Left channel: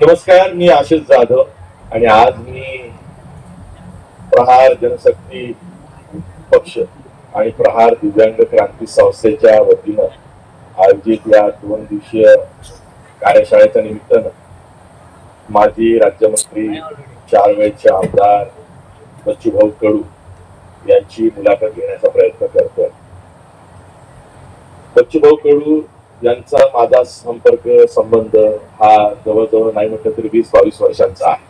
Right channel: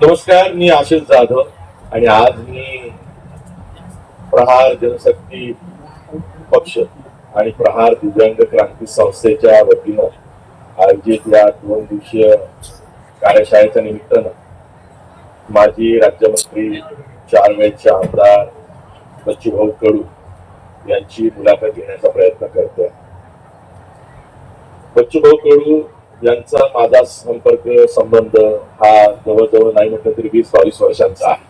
नमस्कार, मी आशिष जाधव आणि आज मी प्रहार जनशक्ती पक्ष आणि प्रहार दिव्यांग क्रांती संस्थेच्या वतीनं आयोजित या 2 दिवसीय कार्यशाळेच्या निमित्तानं माजी राज्यमंत्री 4 वेळचे आमदार बच्चूभाऊ कडू यांची मुलाखत घेण्याचा प्रयत्न करतोय. बच्चूभाऊ कडू यांचा माझा संबंध हा जवळजवळ नाही म्हटलं तरी 20-22 वर्षांचा आहे.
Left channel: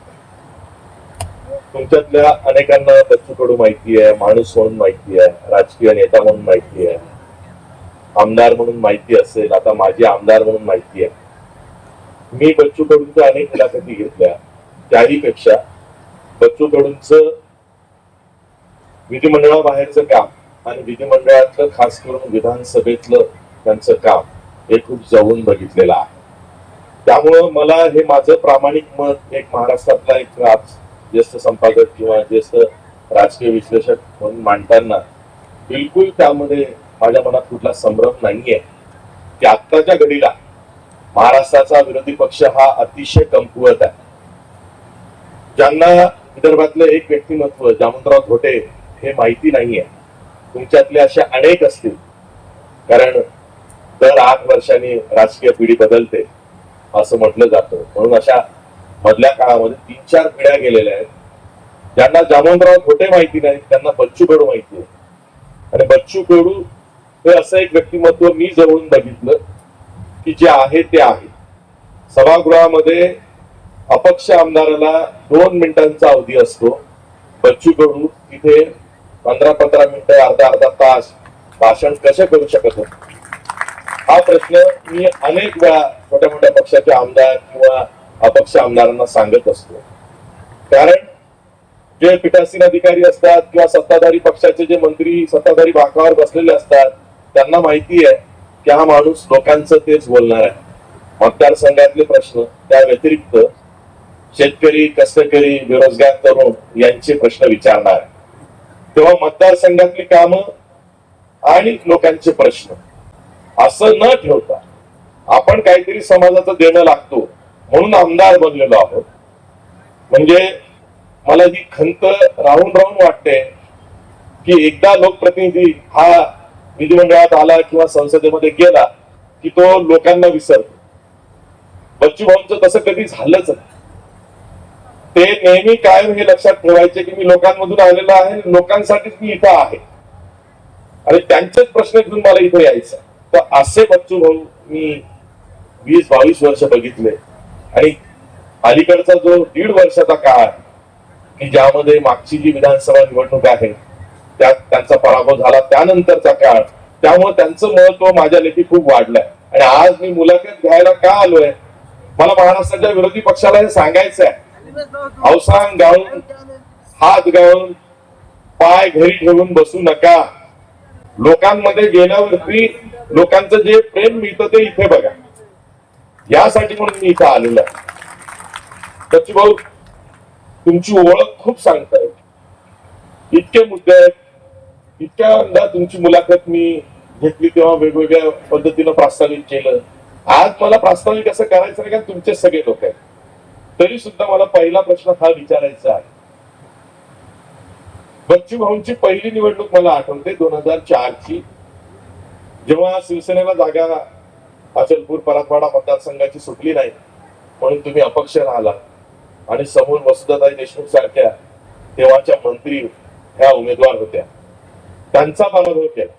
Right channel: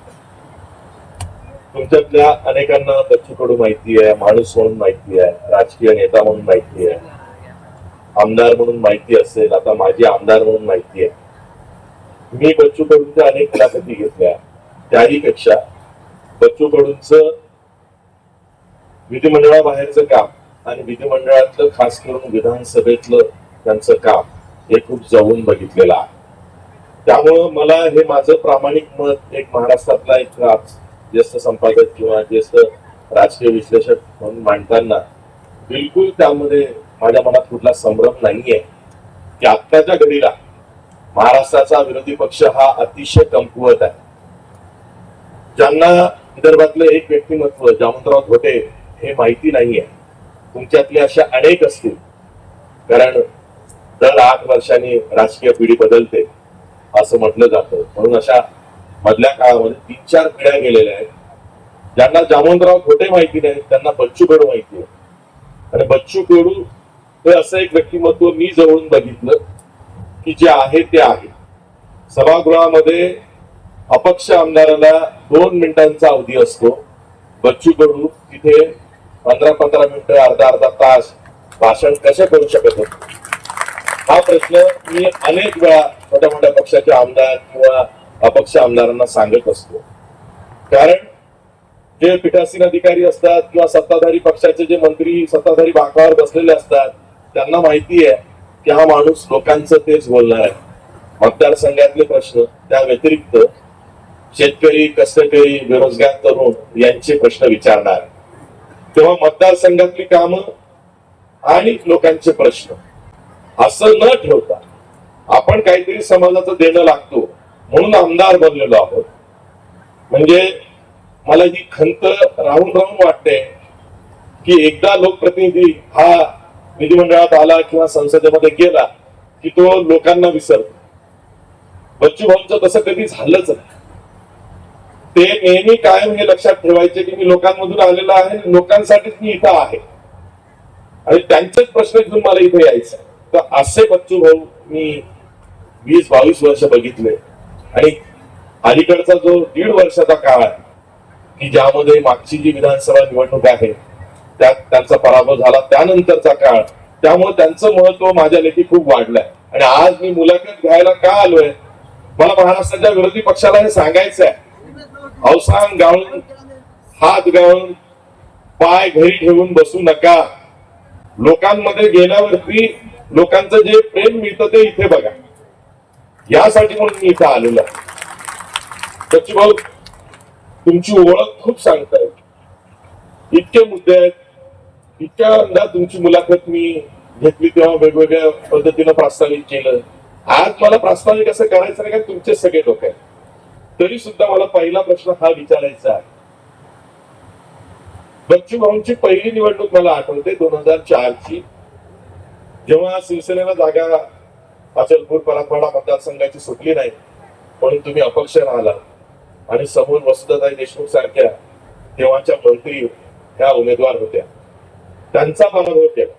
तुमच्यातल्या अनेकांना बच्चू कडू माहिती आहे, माणूस म्हणून माहिती आहे, राजकीय नेता म्हणून माहिती आहे, आमदार म्हणून माहिती असेल, आता माझी आमदार म्हणून माहिती आहे. मी बच्चू कडूंच्या अनेक मुलाखती घेतल्या. त्याहीपेक्षा बच्चू कडूंचं विधिमंडळाबाहेरचं काम आणि विधिमंडळातलं खास करून विधानसभेतलं त्यांचं काम हे खूप जवळून बघितलेलं आहे. त्यामुळं मला हे माझं प्रामाणिक मत एक महाराष्ट्रातला एक ज्येष्ठ संपादक किंवा ज्येष्ठ राजकीय विश्लेषक म्हणून मांडताना बिलकुल त्यामध्ये माझ्या मनात कुठला संभ्रम नाहीये की आत्ताच्या घडीला महाराष्ट्राचा विरोधी पक्ष हा अतिशय कमकुवत आहे. ज्यांना विदर्भातलं एक व्यक्तिमत्व जामवंतराव घोटे हे माहिती नाहीये, तुमच्यातले अशा अनेक असतील, कारण दर 8 वर्षांनी राजकीय पिढी बदलते असं म्हटलं जातं. म्हणून अशा मधल्या काळामध्ये 3-4 पिढ्या गेलेल्या आहेत. ज्यांना जामवंतराव घोटे माहिती नाही त्यांना बच्चू कडू माहिती आहे. आणि बच्चू कडू हे असं एक व्यक्तिमत्व मी जवळून बघितलं की जे आहे ते आहे. सभागृहामध्ये अपक्ष आमदाराला 2 मिनिटांचा अवधी असतो. बच्चू कडू तिथे 15-15 मिनिटं, अर्धा तास भाषण कसे करू शकत होते, हा प्रश्न मी अनेक वेळा मोठ्या मोठ्या पक्षाचे आमदार किंवा अपक्ष आमदारांना सांगत असतो. कारण जे पीठासीन अधिकारी असतात किंवा सत्ताधारी पक्षाचे जे मंत्री सत्ताधारी बाकावर बसलेले असतात त्यांना माहिती आहे की हा माणूस लोकांचं तेच बोलणार आहे. मतदारसंघातले प्रश्न, त्या व्यतिरिक्त शेतकरी, कष्टकरी, बेरोजगार तरुण यांचे प्रश्न विचारणार. तेव्हा मतदारसंघातली कामं आणि लोकांचे प्रश्न असं न ठेवता आपण काहीतरी समाजाचं देणं लागतो म्हणून आमदार बनलेलो आहोत. म्हणजे मला ही खंत राहून वाटते की एकदा लोकप्रतिनिधी हा विधिमंडळात आला किंवा संसदेमध्ये गेला की तो लोकांना विसरतो. बच्चू भाऊंचं तसं कधी झालंच नाही. ते नेहमी कायम हे लक्षात ठेवायचे की मी लोकांमधून आलेलो आहे, लोकांसाठीच मी इथं आहे आणि त्यांचेच प्रश्न घेऊन मला इथे यायचं. तर असे बच्चू भाऊ मी 20-22 वर्ष बघितले. आणि अलीकडचा जो 1.5 वर्षाचा काळ आहे की ज्यामध्ये मागची जी विधानसभा निवडणूक आहे त्यात त्यांचा पराभव झाला, त्यानंतरचा काळ, त्यामुळे त्यांचं महत्व माझ्या लेखी खूप वाढलंय. आणि आज मी मुलाखत घ्यायला का आलोय, मला महाराष्ट्राच्या विरोधी पक्षाला हे सांगायचं आहे. अवसान गाळून, हात गाळून, पाय घरी ठेवून बसू नका. लोकांमध्ये गेल्यावरती लोकांचं जे प्रेम मिळतं ते इथे बघा. यासाठी म्हणून मी इथे आलेलो आहे. बच्चू भाऊ, तुमची ओळख खूप सांगताय. इतके मुद्दे आहेत, इतक्या तुमची मुलाखत मी घेतली तेव्हा वेगवेगळ्या पद्धतीनं प्रास्ताविक केलं. आज मला प्रास्ताविक असं करायचं नाही, का तुमचे सगळे लोक आहेत. तरी सुद्धा मला पहिला प्रश्न हा विचारायचा आहे. बच्चू भाऊंची पहिली निवडणूक मला आठवते 2004 ची, जेव्हा शिवसेनेला जागा अचलपूर मराठवाडा मतदारसंघाची सुटली नाही म्हणून तुम्ही अपक्ष राहिला आणि समोर वसुधाताई देशमुख सारख्या तेव्हाच्या मंत्री ह्या उमेदवार होत्या, त्यांचा पराभव केला.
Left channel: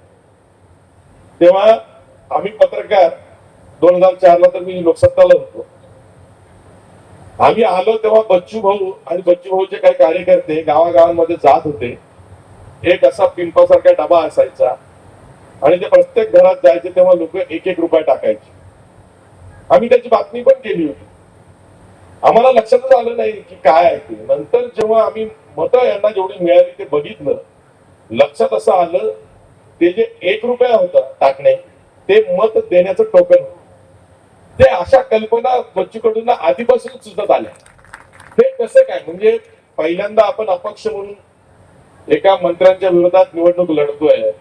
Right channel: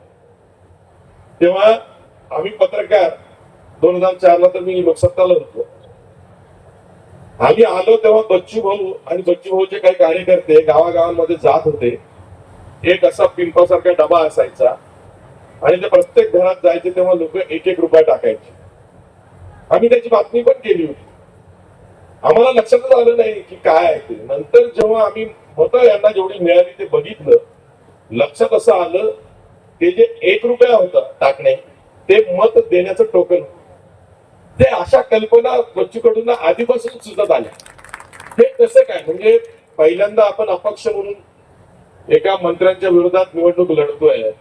तेव्हा आम्ही पत्रकार 2004 ला तर मी लोकसत्ताला होतो. आम्ही आलो तेव्हा बच्चू भाऊ आणि बच्चू भाऊचे काही कार्यकर्ते गावागावांमध्ये जात होते. एक असा पिंपासारखा डबा असायचा आणि ते प्रत्येक घरात जायचे तेव्हा लोक 1-1 रुपया टाकायचे. आम्ही त्याची बातमी पण केली होती. आम्हाला लक्षातच आलं नाही की काय आहे ते. नंतर जेव्हा आम्ही मतं यांना जेवढी मिळाली ते बघितलं, लक्षात असं आलं ते जे 1 रुपया होता टाकणे ते मत देण्याचं टोकन होतं. ते अशा कल्पना बच्चू कडूंना आधीपासून सुचत आल्या. ते कसं काय, म्हणजे पहिल्यांदा आपण अपक्ष म्हणून एका मंत्र्यांच्या विरोधात निवडणूक लढतोय,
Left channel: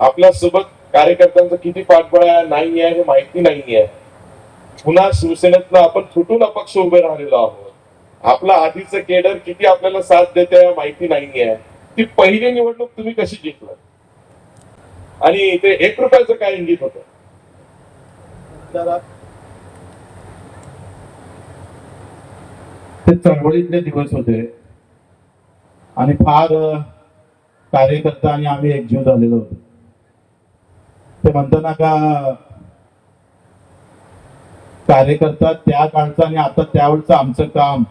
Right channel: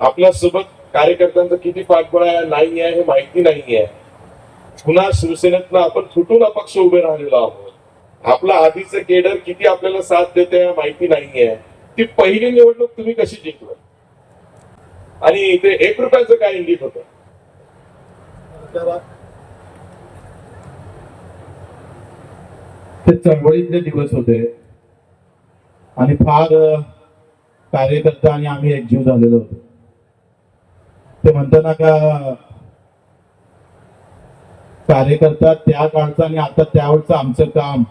आपल्या सोबत कार्यकर्त्यांचं किती पाठबळ नाही आहे हे माहिती नाहीये. पुन्हा शिवसेनेतनं आपण फुटून अपक्ष उभे राहिलेलो आहोत. आपला आधीचं केडर किती आपल्याला साथ देते माहिती नाहीये. ती पहिली निवडणूक तुम्ही कशी जिंकलं आणि ते 1 रुपयाचं काय इंगित होतं. ते चळवळीतले दिवस होते आणि फार कार्यकर्ता आणि आम्ही एकजीव झालेलो होतो. ते म्हणताना का कार्यकर्ता त्या काळचा आणि आता त्यावेळचं आमचं काम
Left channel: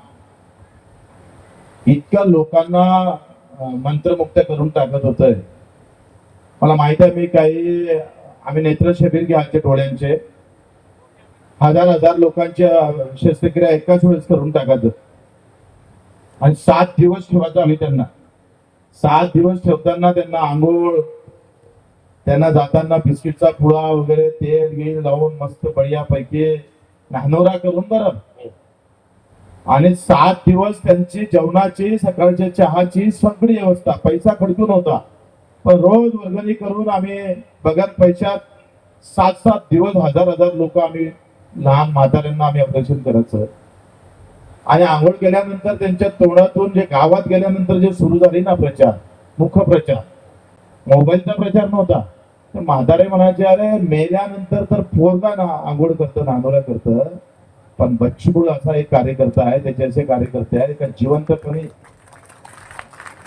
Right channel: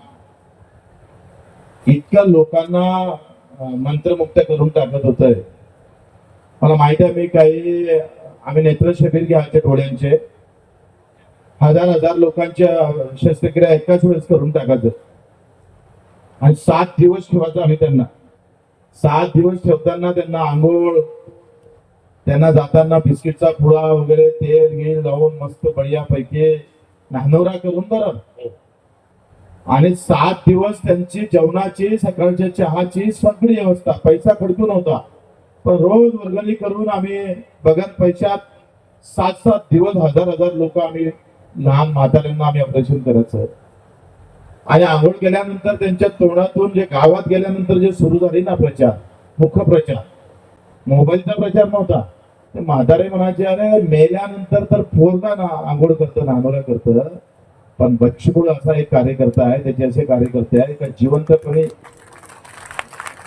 इतक्या लोकांना मंत्रमुक्त करून टाकत होतंय. मला माहित आहे, आम्ही नेत्र शिबिर घ्यायचे डोळ्यांचे, हजार लोकांच्या शस्त्रक्रिया एकाच वेळेस करून टाकायचं आणि 7 दिवस ठेवायचं आम्ही त्यांना. 7 दिवस ठेवताना त्यांना आंघोळ, त्यांना जाताना बिस्किटचा पुडा वगैरे तेल गिळ लावून मस्त बढियापैकी नाहनोरा करून बरं, आणि 7 दिवस त्यांची जेवणाची, सकाळच्या चहाची सगळी व्यवस्था, पैसा खर्च नव्हता, पण रोज वर्गणी करून आम्ही बघत पैशात 7 दिवस हजार लोक आम्ही लहान म्हाताऱ्यांना आम्ही ऑपरेशन करायचं. आणि आंघोळ केल्यानंतर त्यांच्या तोंडातून जे गावात गेल्यानंतर जे सुरू झाली ना प्रचार, मुख्य प्रचार, मोबाईलचा प्रचार नव्हता. म्हातारे म्हणायचे, अरे मेल्यानंतर तर पोरगा ना आंघोळ करतं, नांदोळ्या करतं, पण बच्चूकडू असा एक कार्यकर्ता आहे, त्याचे असे कार्यकर्ते आहे का जिवंतपणे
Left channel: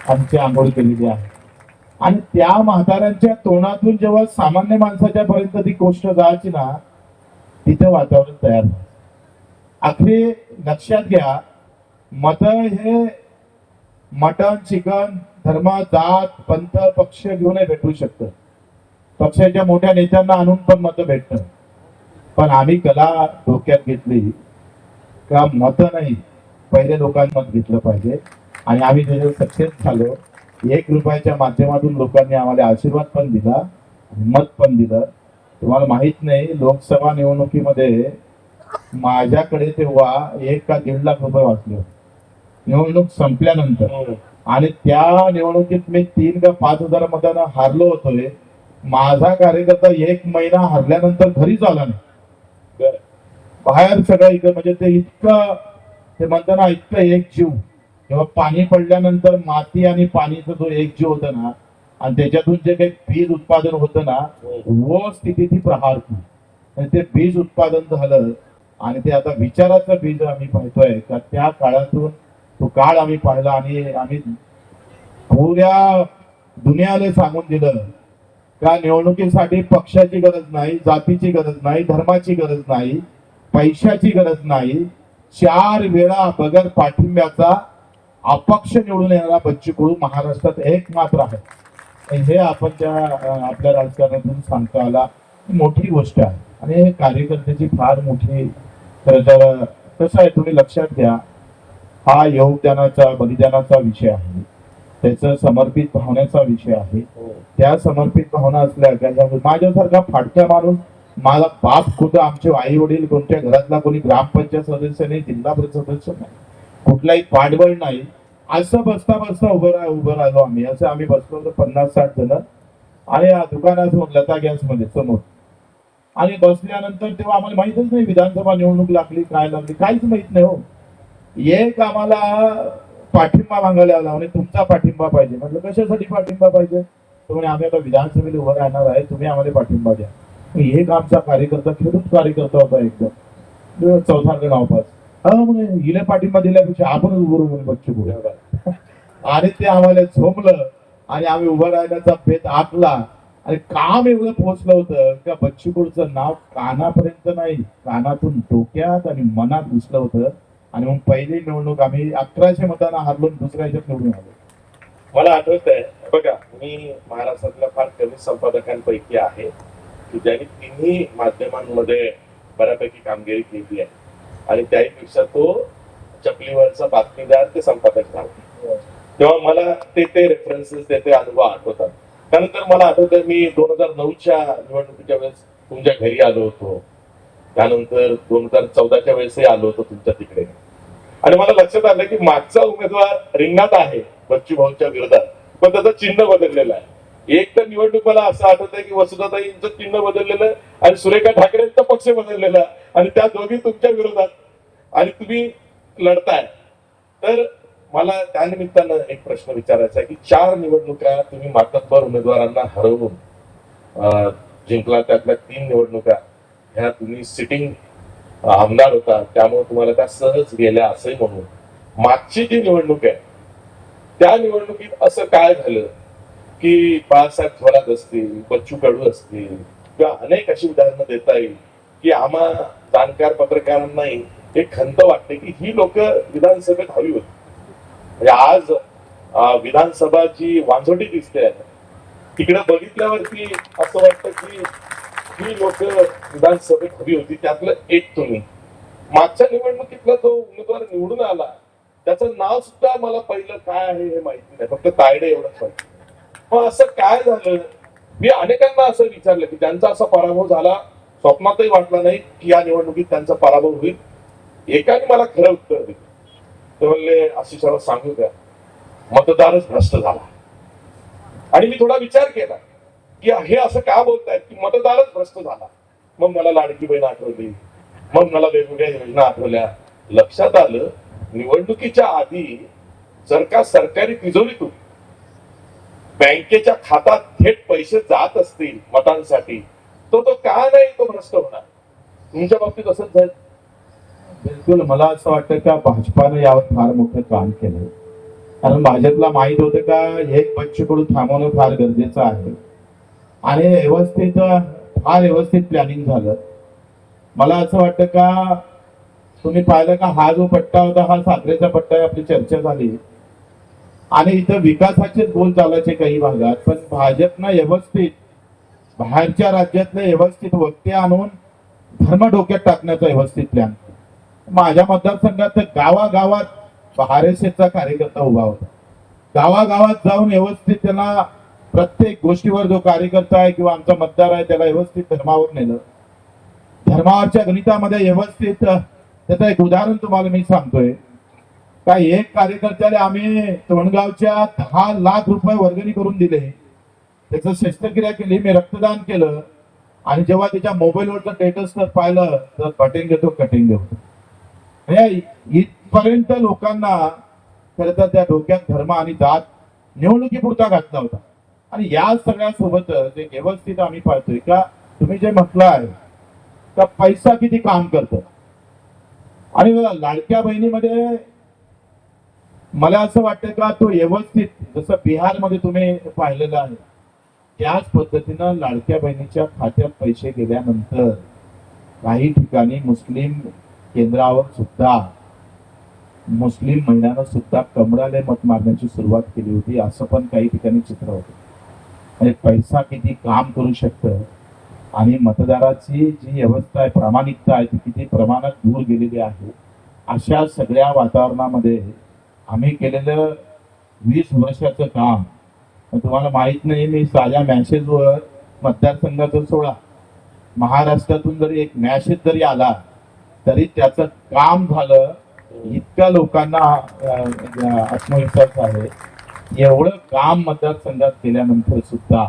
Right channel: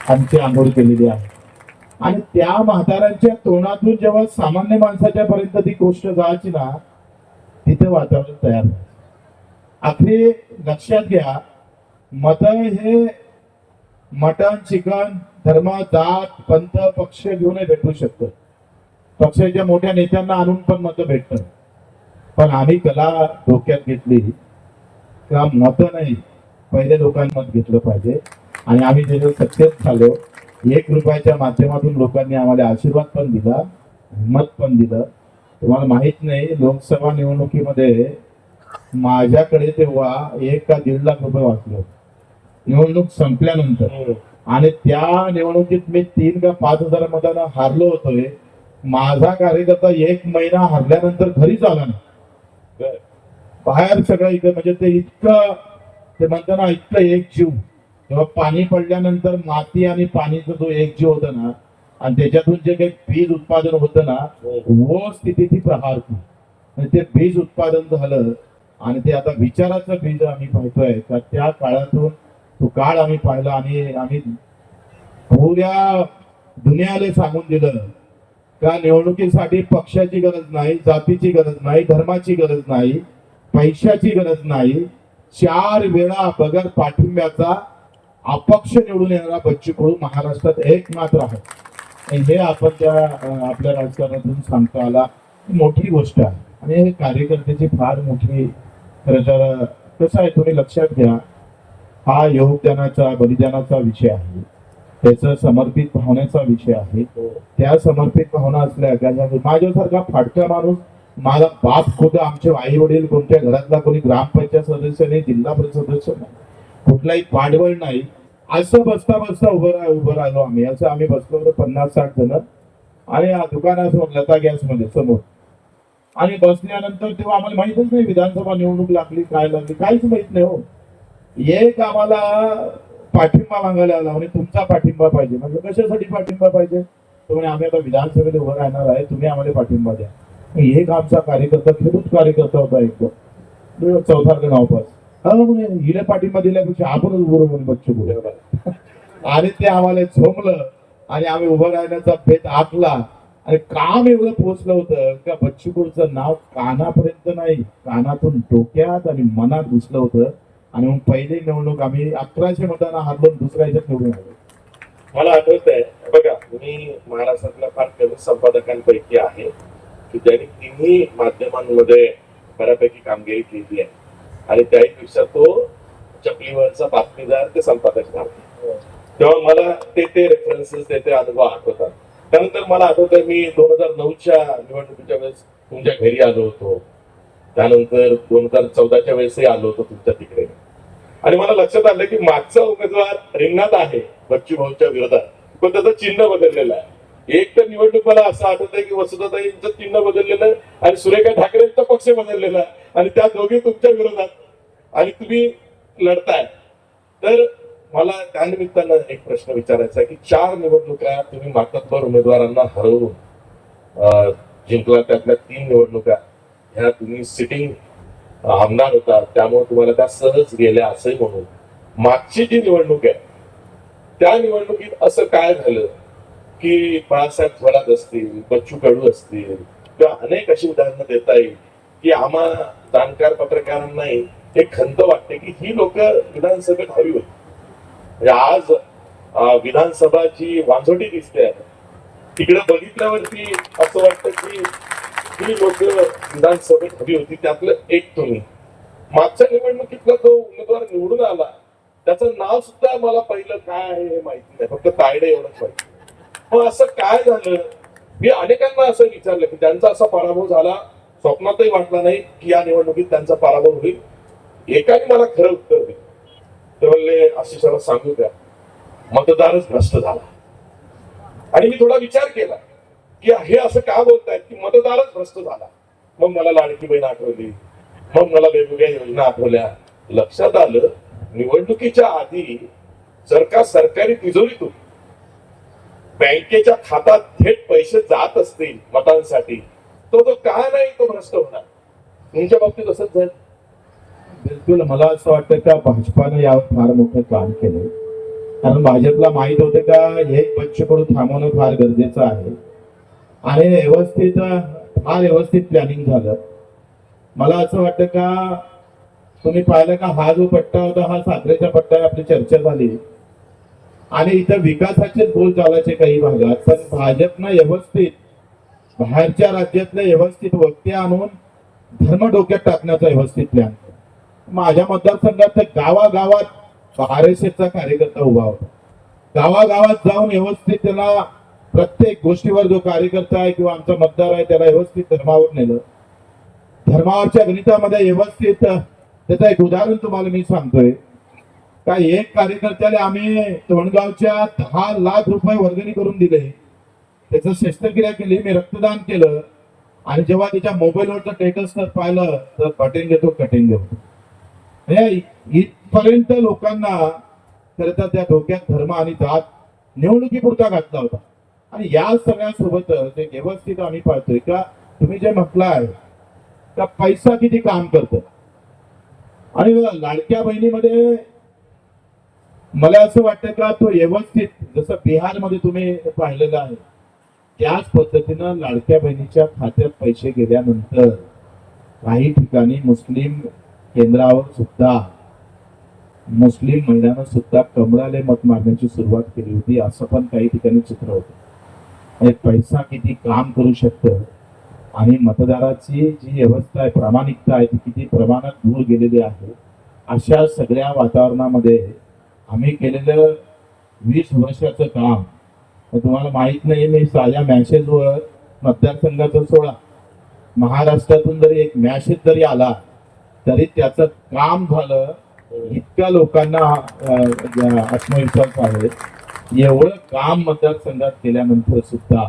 आमची आंघोळ केलेली आहे. आणि त्या म्हाताऱ्यांच्या तोंडातून जेव्हा सामान्य माणसाच्या पर्यंत ती गोष्ट जायची ना, तिथं वातावरण तयार झालं. आखरी लक्षात घ्या, मत हे मटण, चिकन, धर्म, जात, पंथ, पक्ष घेऊनही भेटू शकतं. पक्षाच्या मोठ्या नेत्यांना आणून पण मत भेटतं. पण आम्ही कला डोक्यात घेतली का मत नाही, पहिले लोकांना मत घेतलं पाहिजे. आणि आम्ही त्याच्यात सक्सेस झालो. 1 रुपयाच्या माध्यमातून लोकांनी आम्हाला आशीर्वाद पण दिला, मत पण दिलं. तुम्हाला माहित नाही, लोकसभा निवडणुकीमध्ये माझ्याकडे तेव्हा 1 का 1.5 लाख रुपये वाचले होते निवडणूक संपल्यानंतर. आणि त्या निवडणुकीत मी 3 का 5 हजार मतांना हारलो होतोय. माझा कार्यकर्ता 1 महिना हरल्यानंतर घरीच आला नाही, बाहेर सगळं इकडे, म्हणजे ते इतकं, ते म्हणताना इतकं एक जीव. जेव्हा पाणी पडल्यानंतर माती आणि पाणीचा जो एक जीव होता ना, आणि त्याच्यातून जे काही बीज उत्पादन होतं ना, वो स्थिती ती प्रहार केली. ते बीज उत्पादन झालं आणि ते आता विचाराचं बीज आम्ही पाहतोय का त्या काळातून तो काळ आम्ही पाहिला. आणि आम्ही पुऱ्या दुनियाला सांगून दिलं का निवडणुकीसाठी पक्षाची गरज नाही, जातीची गरज नाही, धर्माची गरज नाही, पैशाची गरज नाही. 4 वेळा बगर पाठिंब्याचा अपक्ष निवडून येणारा बच्चू कडू महाराष्ट्रात एकमात्र आहे. हे आपण त्या आपल्या राजकारणातून सांगता आला, मोठी गोष्ट आहे. आणि हे कार्यकर्त्याची फार मोठी, खरं तर कसं आहे, तुम्ही लक्षात घ्या, हा योगदानाचा, बलिदानाचा विषय आहे, त्याचा समर्पित भावनेचा विषय आहे. त्या समर्पित भावना असल्या, माझ्यासारखा फाटका माणूस, माझा बाप खुद, आमचे आई वडील, कोणत्या घरातला कोणी ग्रामपंचायत सदस्य नाही, जिल्हा परिषद सदस्य नाही, कुठलाही पाठबळ नाही, असं बसता उभं राहिलो आम्ही. असं आम्ही बसलो होतो 50-60 जण आणि दुकानासमोर लता गॅस मध्ये समोर. आणि बसल्यानंतर तेव्हा आम्हाला माहितच नाही विधानसभा निवडणूक लागली, काय लागली, काहीच माहित नाही हो. एक आम्हाला पाठिंबा मागायला आला आणि तुमचा पाठिंबा पाहिजे. म्हणजे कशासाठी पाठिंबा पाहिजे? तुम्ही आम्ही आता विधानसभेला उभं राहणार आहे, तुम्ही आम्हाला पाठिंबा द्या. एक आमचा कार्यकर्ता, खेडूत कार्यकर्ता होता एकदम, चौथार गावपास, हिला पाठिंबा दिल्यापेक्षा आपणच उभं म्हणून बच्चू कडू. आणि ते आम्हाला झोमलं आणि आम्ही उभं राहण्याचा भेद आखला. आणि काम एवढं पोहोचलं होतं का बच्चू कडूचं नाव कानापर्यंत नाही, कानातून डोक्यात आणि मनात घुसलं होतं. आणि मग पहिली निवडणूक आम्ही 1100 मतांना हारलो, दुसऱ्या ह्याच्यात निवडून आलो. मला आठवतंय, बघा, मी महाराष्ट्रातल्या फार कमी संपादकांपैकी आहे की ज्यांनी तिन्ही माध्यमांमध्ये बऱ्यापैकी कामगिरी केली आहे. आणि त्याहीपेक्षा तो चपलीवरचा बातमीदार ते संपादक झाला. तेव्हा मला ते रेफरन्सेस, ते अनुभव आठवतात. त्यानंतर मला आठवतंय, मी 2009च्या निवडणुकीच्या वेळेस तुमच्या घरी आलो होतो. त्यानंतर 2014च्या वेळेसही आलो होतो तुमच्या तिकडे. आणि मला लक्षात आलं की मागचा उमेदवार रिंगणात आहे बच्चू भाऊच्या विरोधात, पण त्याचं चिन्ह बदललेलं आहे. एक तर निवडणूक मला असं आठवत आहे की वसुधाताईंचं चिन्ह बदललेलं आणि सुरेखा ठाकरेंचा पक्ष बदललेला आणि त्या दोघी तुमच्या विरोधात आणि तुम्ही लढताय. तर मला त्या निमित्तानं एक प्रश्न विचारायचा आहे की 4 निवडणुका तुम्ही मातब्बर उमेदवारांना हरवून जिंकला. त्यातल्या 3 निवडणुका ह्या तुम्ही सिटिंग आमदार होता, त्यामुळे तुम्हाला त्या सहज गेल्या असंही म्हणून. मागची जी निवडणूक आहे त्या निवडणुकीत असं काय झालं की बाळासाहेब थोरात असतील, बच्चू कडू असतील किंवा अनेक अशी उदाहरणं देता येईल की आम्हा जाणकार पत्रकारांनाही एक खंत वाटते की ही लोक विधानसभेत हवी होती. म्हणजे आज विधानसभा जी वांझोटी दिसते तिकडे बघितल्यावरती असं वाटतं की ही लोक विधानसभेत हवी होती. त्यातलं एक तुम्ही. मागच्या निवडणुकीतला जो उमेदवार निवडून आला त्याचं नाव सुद्धा मला पहिलं काय आहे हे माहिती नाही, फक्त तायडे एवढंच माहिती. मग असं काय झालं? मी अनेकांना असं विचारलं की त्यांचा असा पराभव झाला, स्वप्नातही वाटला नाही की या निवडणुकीत त्यांचा पराभव होईल. एकाने मला खरं उत्तर दिलं. ते म्हणले आशिषाला सांगू द्या, मतदारच भ्रष्ट झाला. आणि मी थोडा विचार केला की हे असं का बोलतायत की मतदारच भ्रष्ट झाला. मग मला लाडकी बहीण आठवली, मग मला वेगवेगळ्या योजना आठवल्या. लक्षात आलं निवडणुकीच्या आधी जर का सरकारी तिजोरीतून बँकेच्या खात्यात थेट पैसे जात असतील मतांसाठी तो का नाही तो भ्रष्ट होणार. तुमच्या बाबतीत असंच झालं. बिलकुल. मला असं वाटतं का भाजपानं यावर फार मोठं काम केलं, कारण भाजपला माहित होतं का हे बच्चू कडू थांबवणं फार गरजेचं आहे आणि फार व्यवस्थित प्लॅनिंग झालं. मला असं वाटतं का तुम्ही पाहिलं का हा जो पट्टा होता हा साखरेचा पट्टा, आपली चर्चा झाली आणि इथं विकासाचेच गोल चालायचे काही भागात, पण भाजपनं व्यवस्थित बाहेरच्या राज्यातले व्यवस्थित वक्ते आणून धर्म डोक्यात टाकण्याचा व्यवस्थित प्लॅन. माझ्या मतदारसंघात तर गावागावात RSSचा कार्यकर्ता उभा होता. गावागावात जाऊन व्यवस्थित त्याला प्रत्येक गोष्टीवर जो कार्यकर्ता आहे किंवा आमचा मतदार आहे त्याला व्यवस्थित धर्मावर नेलं. धर्मावरच्या गणितामध्ये व्यवस्थित त्याचं एक उदाहरण तुम्हाला मी सांगतोय का एक कार्यकर्त्याला आम्ही तोंडगावच्या 10 लाख रुपये वर्गणी करून दिले. त्याचं शस्त्रक्रिया केली, मी रक्तदान केलं आणि जेव्हा त्याच्या मोबाईलवरचं स्टेटस पाहिलं तर कटिंग होतं. इथपर्यंत लोकांना खरं तर त्या डोक्यात धर्म आणि जात निवडणुकीपुरता घातला होता. आणि या सगळ्यासोबतच एक व्यवस्थित आम्ही पाहतोय का तुम्ही जे म्हटलं आहे का पैसा किती काम करतं. आणि लाडक्या बहिणीमध्ये मला असं वाटतं का तो व्यवस्थित जसं बिहारमध्ये तुम्ही पाहिलेलं आहे त्याच पद्धतीनं लाडक्या बहिणीच्या खात्यात पैसे गेल्यानंतर काही ठिकाणी मुस्लिम केंद्रावर सुद्धा मुस्लिम महिलांना सुद्धा कमळाले मत मागण्याची सुरुवात केली होती. असं पण काही ठिकाणी चित्र होतं. म्हणजे पैसा किती काम करू शकतं आणि मतदाराची जी व्यवस्था आहे, प्रामाणिकता आहे ती किती प्रमाणात दूर गेलेली आहे. अशा सगळ्या वातावरणामध्ये आम्ही केलेलं 20 वर्षाचं काम तुम्हाला माहित नाही. मी साध्या मॅसेजवर मतदारसंघाचं सोडा, महाराष्ट्रातून जरी एक मॅसेज जरी आला तरी त्याचं काम झालं. इतक्या लोकांना आत्मविश्वास आहे. एवढं काम मतदारसंघात केल्यानंतर सुद्धा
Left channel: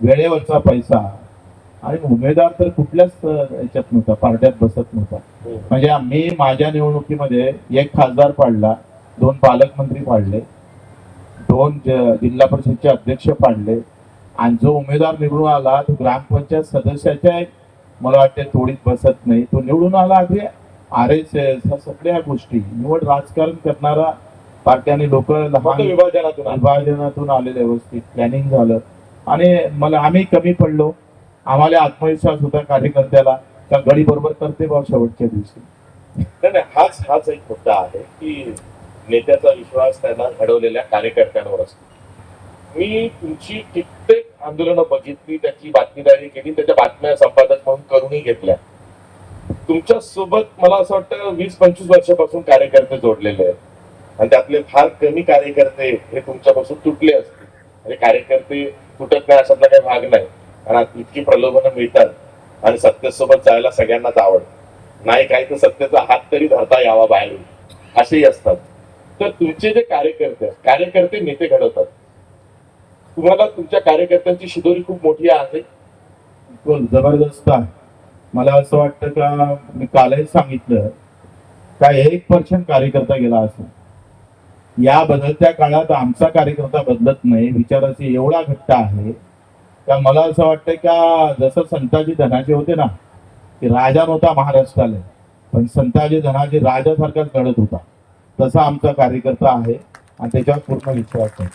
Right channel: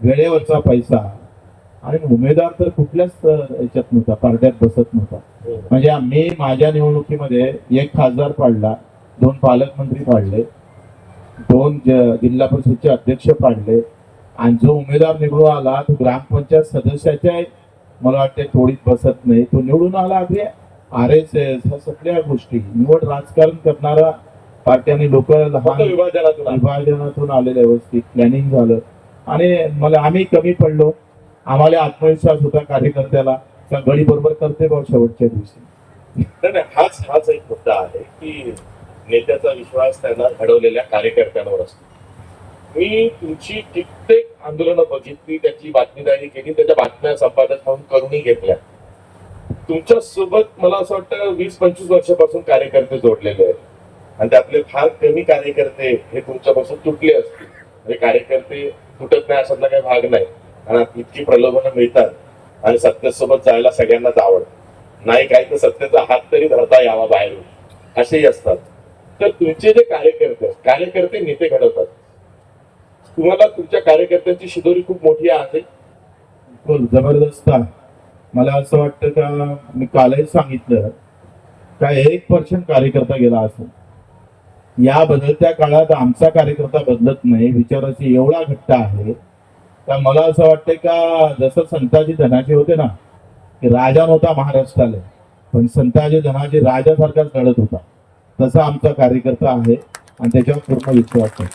वेळेवरचा पैसा आणि उमेदवार तर कुठल्याच याच्यात नव्हता, पार्ट्यात बसत नव्हता. म्हणजे मी माझ्या निवडणुकीमध्ये 1 खासदार पाडला, 2 पालकमंत्री पाडले, 2 जिल्हा परिषदचे अध्यक्ष पाडले आणि जो उमेदवार निवडून आला तो ग्रामपंचायत सदस्याच्या मला वाटते थोडीच बसत नाही, तो निवडून आला. अगदी RSS ह्या सगळ्या गोष्टी निवड राजकारण करणारा पार्ट्याने लोक लहान विभाजनातून आलेले व्यवस्थित प्लॅनिंग झालं आणि आम्ही कमी पडलो. आम्हाला आत्मविश्वास होता कार्यकर्त्याला का गडी बरोबर करते बा शेवटच्या दिवशी. नाही, हाच एक मुद्दा आहे की नेत्याचा विश्वास त्यांना घडवलेल्या कार्यकर्त्यांवर असतो. मी तुमची कित्येक आंदोलनं बघितली, त्याची बातमीदारी केली, त्याच्या बातम्या संपादक म्हणून करूनही घेतल्या. तुमच्या सोबत मला असं वाटतं 20-25 वर्षापासून कार्यकर्ते जोडलेले आहेत आणि त्यातले फार कमी कार्यकर्ते हे तुमच्यापासून तुटले असतील. म्हणजे कार्यकर्ते तुटत नाही अशातला काही भाग नाही. आणि इतकी प्रलोभनं मिळतात आणि सत्तेसोबत जायला सगळ्यांनाच आवडतं. नाही काही तर सत्तेचा हात तरी धरता यावा बाहेरून असेही असतात. तर तुमचे जे कार्यकर्ते नेते घडवतात तुम्हाला तुमच्या कार्यकर्त्यांची शिदोरी खूप मोठी आहे. बिलकुल जबरदस्त आहे. मला असं वाटतं का मी कालच सांगितलं का 1% कार्यकर्ता गेला असेल या बदलत्या काळात आमचा कार्यकर्ता बदलत नाही विचाराची एवढा घट्ट आहे का मला असं वाटतं का जसं संताजी धनाचे होते ना की राजा नव्हता महाराष्ट्राला पण संताजी धनाजी राजासारखाच घडत होता तसा आमचा कार्यकर्ता आहे आणि त्याच्यावर पूर्ण विश्वास आहे.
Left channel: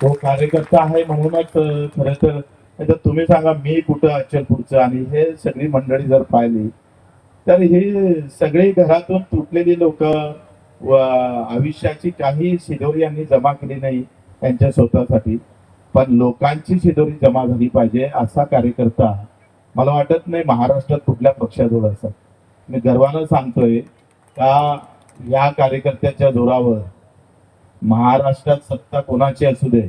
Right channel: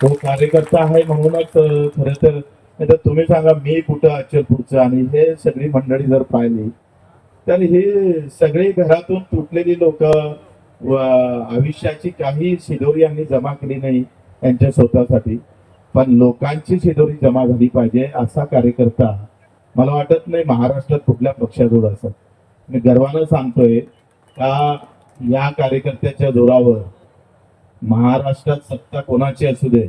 तो कार्यकर्ता आहे म्हणूनच खरं तर नाही तर तुम्ही सांगा मी कुठं अचलपूरचं आणि हे सगळी मंडळी जर पाहिली तर हे सगळी घरातून तुटलेली लोक व आयुष्याची काही शिदोरी यांनी जमा केली नाही त्यांच्या स्वतःसाठी पण लोकांची शिदोरी जमा झाली पाहिजे असा कार्यकर्ता मला वाटत नाही महाराष्ट्रात कुठल्या पक्षाजवळ असत. मी गर्वानं सांगतोय का या कार्यकर्त्याच्या जोरावर महाराष्ट्रात सत्ता कोणाची असू दे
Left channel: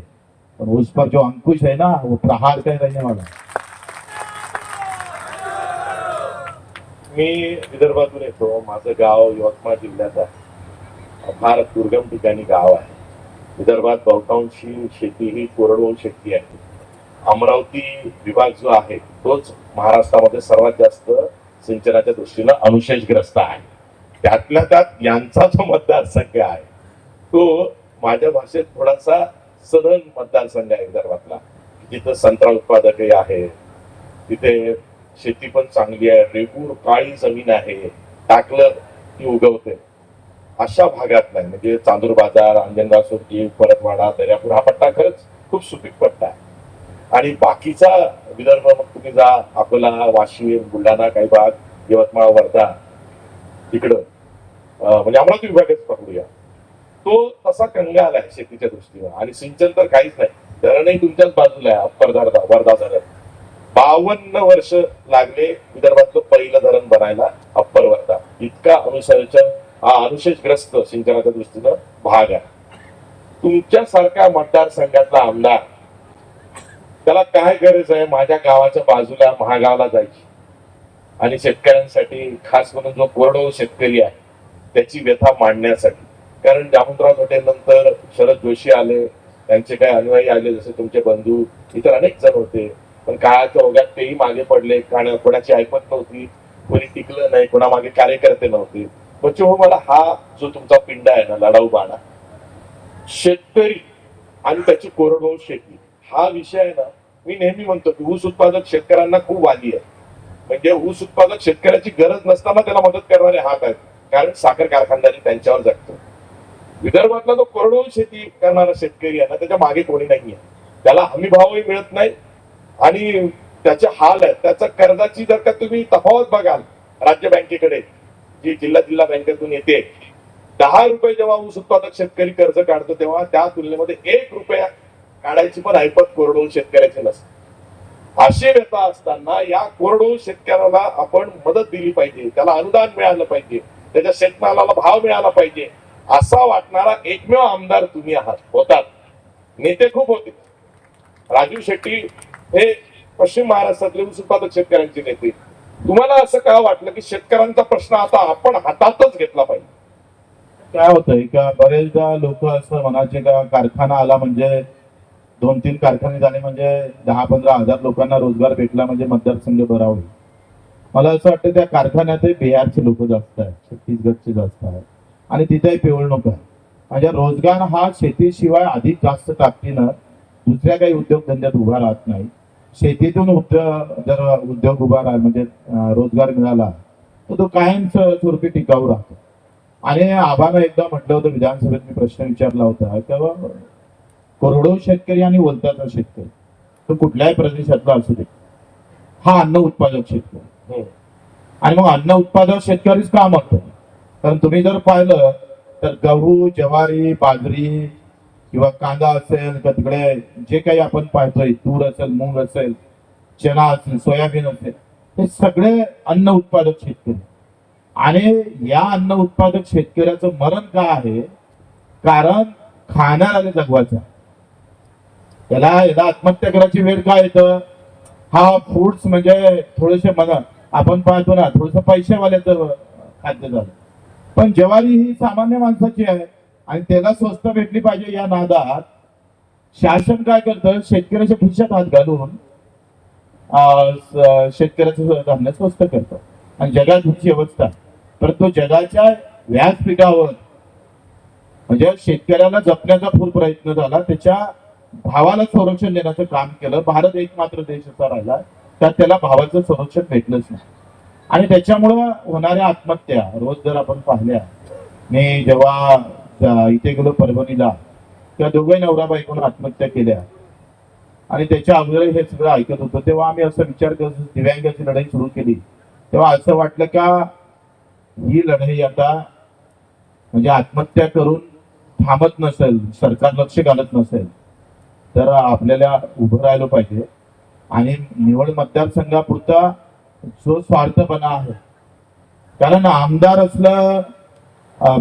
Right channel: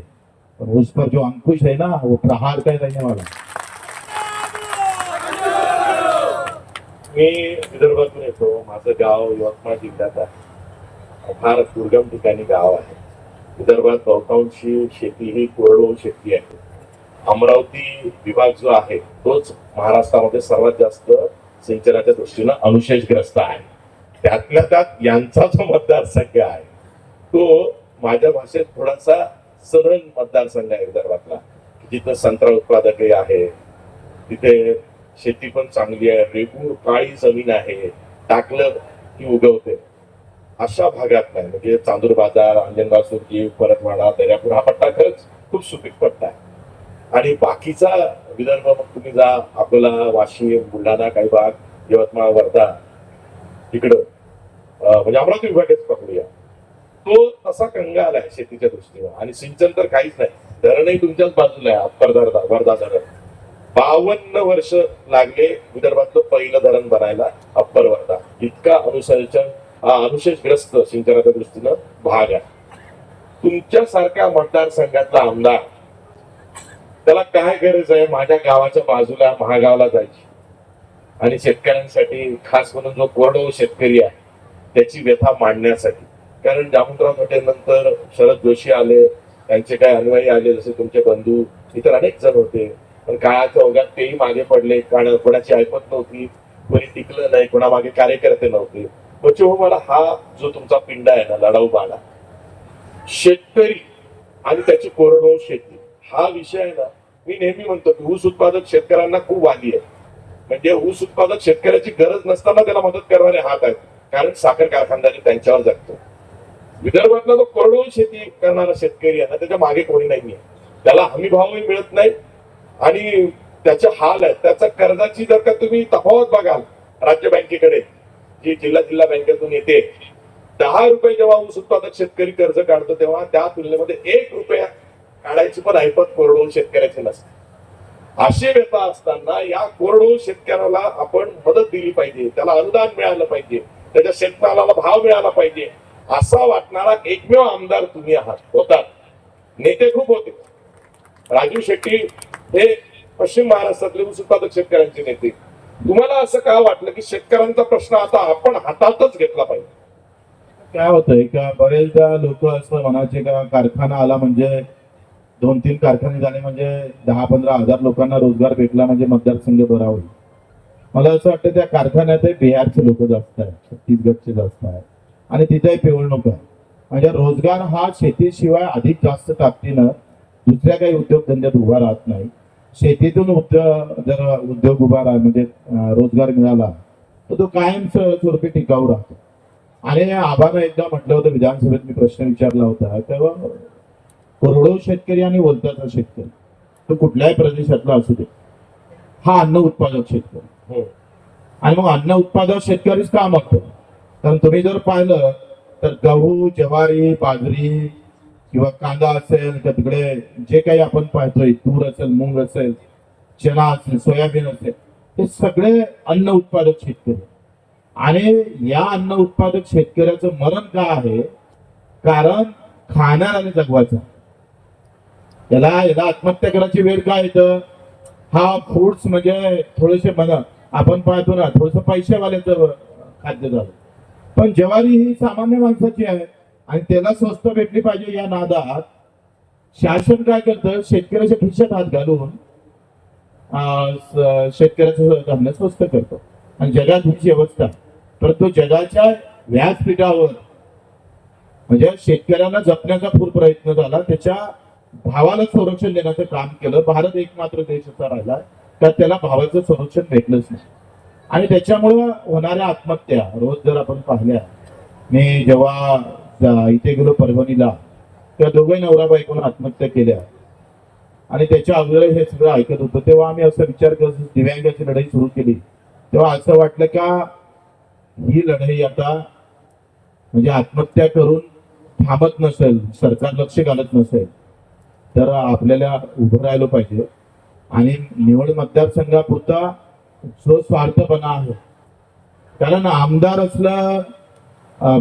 पण उस पर जो अंकुश है ना वो प्रहार का ही रहने वाला है. मी विदर्भातून येतो. माझं गाव यवतमाळ जिल्ह्यात आहे. फार दुर्गम ठिकाणी गाव आहे. विदर्भात बहुतांशी शेती ही कोरडवाहू शेती आहे. अमरावती विभाग जो आहे तोच महाराष्ट्रामध्ये सर्वात जास्त सिंचनाच्या दृष्टीनं अनुशेषग्रस्त आहे. त्यातल्या त्यात यांचा जो मतदारसंघ आहे तो माझ्या भाषेत थोडासा सरळ मतदारसंघ आहे विदर्भातला. जिथं संत्रा उत्पादकही आहे, तिथे शेती पण चांगली आहे, रेगूर काळी जमीन आहे, टाकलं की उगवते. अशा भागात नाही म्हणजे चांदूर बाजार, अंजनगाव सुरजी, परतवाडा, दर्यापूर हा पट्टा खरंच खूप सुपीक पट्टा आहे. आणि बाकीचा विदर्भ मग तुम्ही जा अकोला, वाशिम, बुलढाणा, काही भाग, यवतमाळ, वर्धा इकडं म्हणजे अमरावती विभागच पकडूया तो तसा कंगाल आहे शेतीच्या दृष्टीनं. आणि सिंचन तर काहीच नाही. धरणही तुमच्याच बाजूला आहे. अप्पर वर्धा धरण 52 वर्ष लागले विदर्भातलं पहिलं धरण बनायला अप्पर वर्धा. इतका अनुशेषग्रस्त सिंचनाच्या दृष्टीनं भाग आहे. तुमच्यासारख्या मतदारसंघातला आमदार त्याला काय गरज आहे माझ्या गावाच्या बाजूला महागावला जायची आणि शेतकऱ्यांसाठी खास करून जो कोरडवाहू शेतकरी आहे त्याची व्यथा मांडण्यासाठी. कारण जामवंतराव धोटे नंतर शरद जोशी आले, त्यांचे काही अनुयायी आले जसे तुमचे बंधू इतर अनेक जण होते पण काळाच्या ओघात तेही मागे पडले. कारण कोणाची ऐपत नव्हती, कोणी टिकलं नाही, कोणामागे कार्यकर्ते नव्हते. म्हणजे मला हा जो तुमचा पिंडा आहे ना लढाऊ बाणा शेतकरी आणि त्याची कोरडवाहू शेती हा विषय आहे ना. मी नेहमी म्हणतो की ऊस उत्पादक शेतकऱ्यांना खूप वाली आहे. म्हणजे ऊस उत्पादक शेतकऱ्याची गरज नसताना त्याला मदत करणारे हात आहेत. कारण साखर कारखानदारी त्यांच्यावर जगतो. विदर्भातला जो कोरडवाहू शेती करणारा शेतकरी आहे ना त्याच्या मागे कोणी नाहीये. त्याला हमी भावही मिळत नाही आणि त्याचे हाल आहेत. त्याच्या कर्जाची जर का तुम्ही तफावत बघाल राज्य बँकेकडे जी जिल्हा बँकेतून येते 10 रुपये जेव्हा ऊस उत्पादक शेतकरी कर्ज काढतो तेव्हा त्या तुलनेमध्ये 1 रुपया काढायची पण ऐपत कोरडवाहू शेतकऱ्याची नसते. अशी व्यथा असताना या कोरडवाहू शेतकऱ्याला आपण मदत दिली पाहिजे, त्याला अनुदान मिळालं पाहिजे, त्याच्या शेतमालाला भाव मिळाला पाहिजे असा वाटणारा एकमेव आमदार तुम्ही आहात. होतात नेते खूप होते. राजू शेट्टी हे पश्चिम महाराष्ट्रातले ऊस उत्पादक शेतकऱ्यांचे नेते. तुम्हाला असं का वाटलं की शेतकऱ्यांचा प्रश्न आता आपण हातातच घेतला पाहिजे? काय होतंय का बरेचदा लोक असं म्हणायचे का कारखाना आला म्हणजे 2-3 कारखाने झाले म्हणजे 10-15 हजार लोकांना रोजगार भेटला म्हणजे मतदारसंघ बरा होईल. मला असं वाटतं त्या कारखान्यात बिहारचे लोक जास्त आहेत, छत्तीसगडचे जास्त आहेत आणि तिथे पिवळणूक आहे. म्हणजे रोजगार हा शेतीशिवाय अधिक जास्त ताकदीनं दुसऱ्या काही उद्योगधंद्यात उभा राहत नाही. शेतीतून जर उद्योग उभा राहा म्हणजे रोजगार मिळाला तर तो कायम स्वरूपी टिकाऊ राहतो. आणि आबानं एकदा म्हटलं होतं विधानसभेत मी प्रश्न विचारला होता तेव्हा कोरडवाहू शेतकरी आणि वलताचा शेतकरी तो कुठल्याही प्रदेशातला असू दे हा अन्न उत्पादक शेतकरी. आणि मग अन्न उत्पादक शेतकरीच का म्हणतो? कारण तुम्ही जर पाहिलं तर गहू, ज्वारी, बाजरी किंवा कांदा असेल का तिकडे जे काही आपण पाहतोय तूर असेल, मूग असेल, चना असेल, सोयाबीन असेल हे सगळे अन्न उत्पादक शेतकरी. आणि या अन्न उत्पादक शेतकऱ्याचं मरण का आहे? कारण खाणाऱ्याला जगवायचं. याला आत्महत्या करायची वेळ काय येतं? हा फूड्स म्हणजे थोडेसे आपण पाहतो ना थोडस पैसेवाल्याचं खाद्य झालं. पण ज्वारी ही सामान्य माणसाची आहे आणि त्याला स्वस्त भेटली पाहिजे या नादात शासन काय करतं, शेतकऱ्याच्या खिशात हात घालून शेतकऱ्याचं धान्य स्वस्त करतं आणि जगात हीच व्यवस्था आहे. परंतु जगाच्या व्यासपीठावर म्हणजे शेतकऱ्याला जपण्याचा फुल प्रयत्न झाला, त्याच्या भावाला संरक्षण देण्याचं काम केलं. भारत एकमात्र देश असा राहिला त्यात त्याला भावाचं संरक्षण भेटलंच नाही आणि त्याच्यामुळं होणाऱ्या आत्महत्या रोज जर आपण पाहिल्या, मी जेव्हा इथे गेलो परभणीला, त्या दोघे नवरा बायकोनं आत्महत्या केल्या आणि त्याच्या अगोदर हे सगळं ऐकत होतो तेव्हा आम्ही असं विचार करत दिव्यांगाची लढाई सुरू केली तेव्हा असं वाटलं का ही लढाई आता म्हणजे आत्महत्या करून थांबत नसेल, सरकार लक्ष घालत नसेल तर आपल्याला उभं राहिलं पाहिजे आणि निवड मतदारसंघापुरता जो स्वार्थपणा आहे, कारण आमदार असलं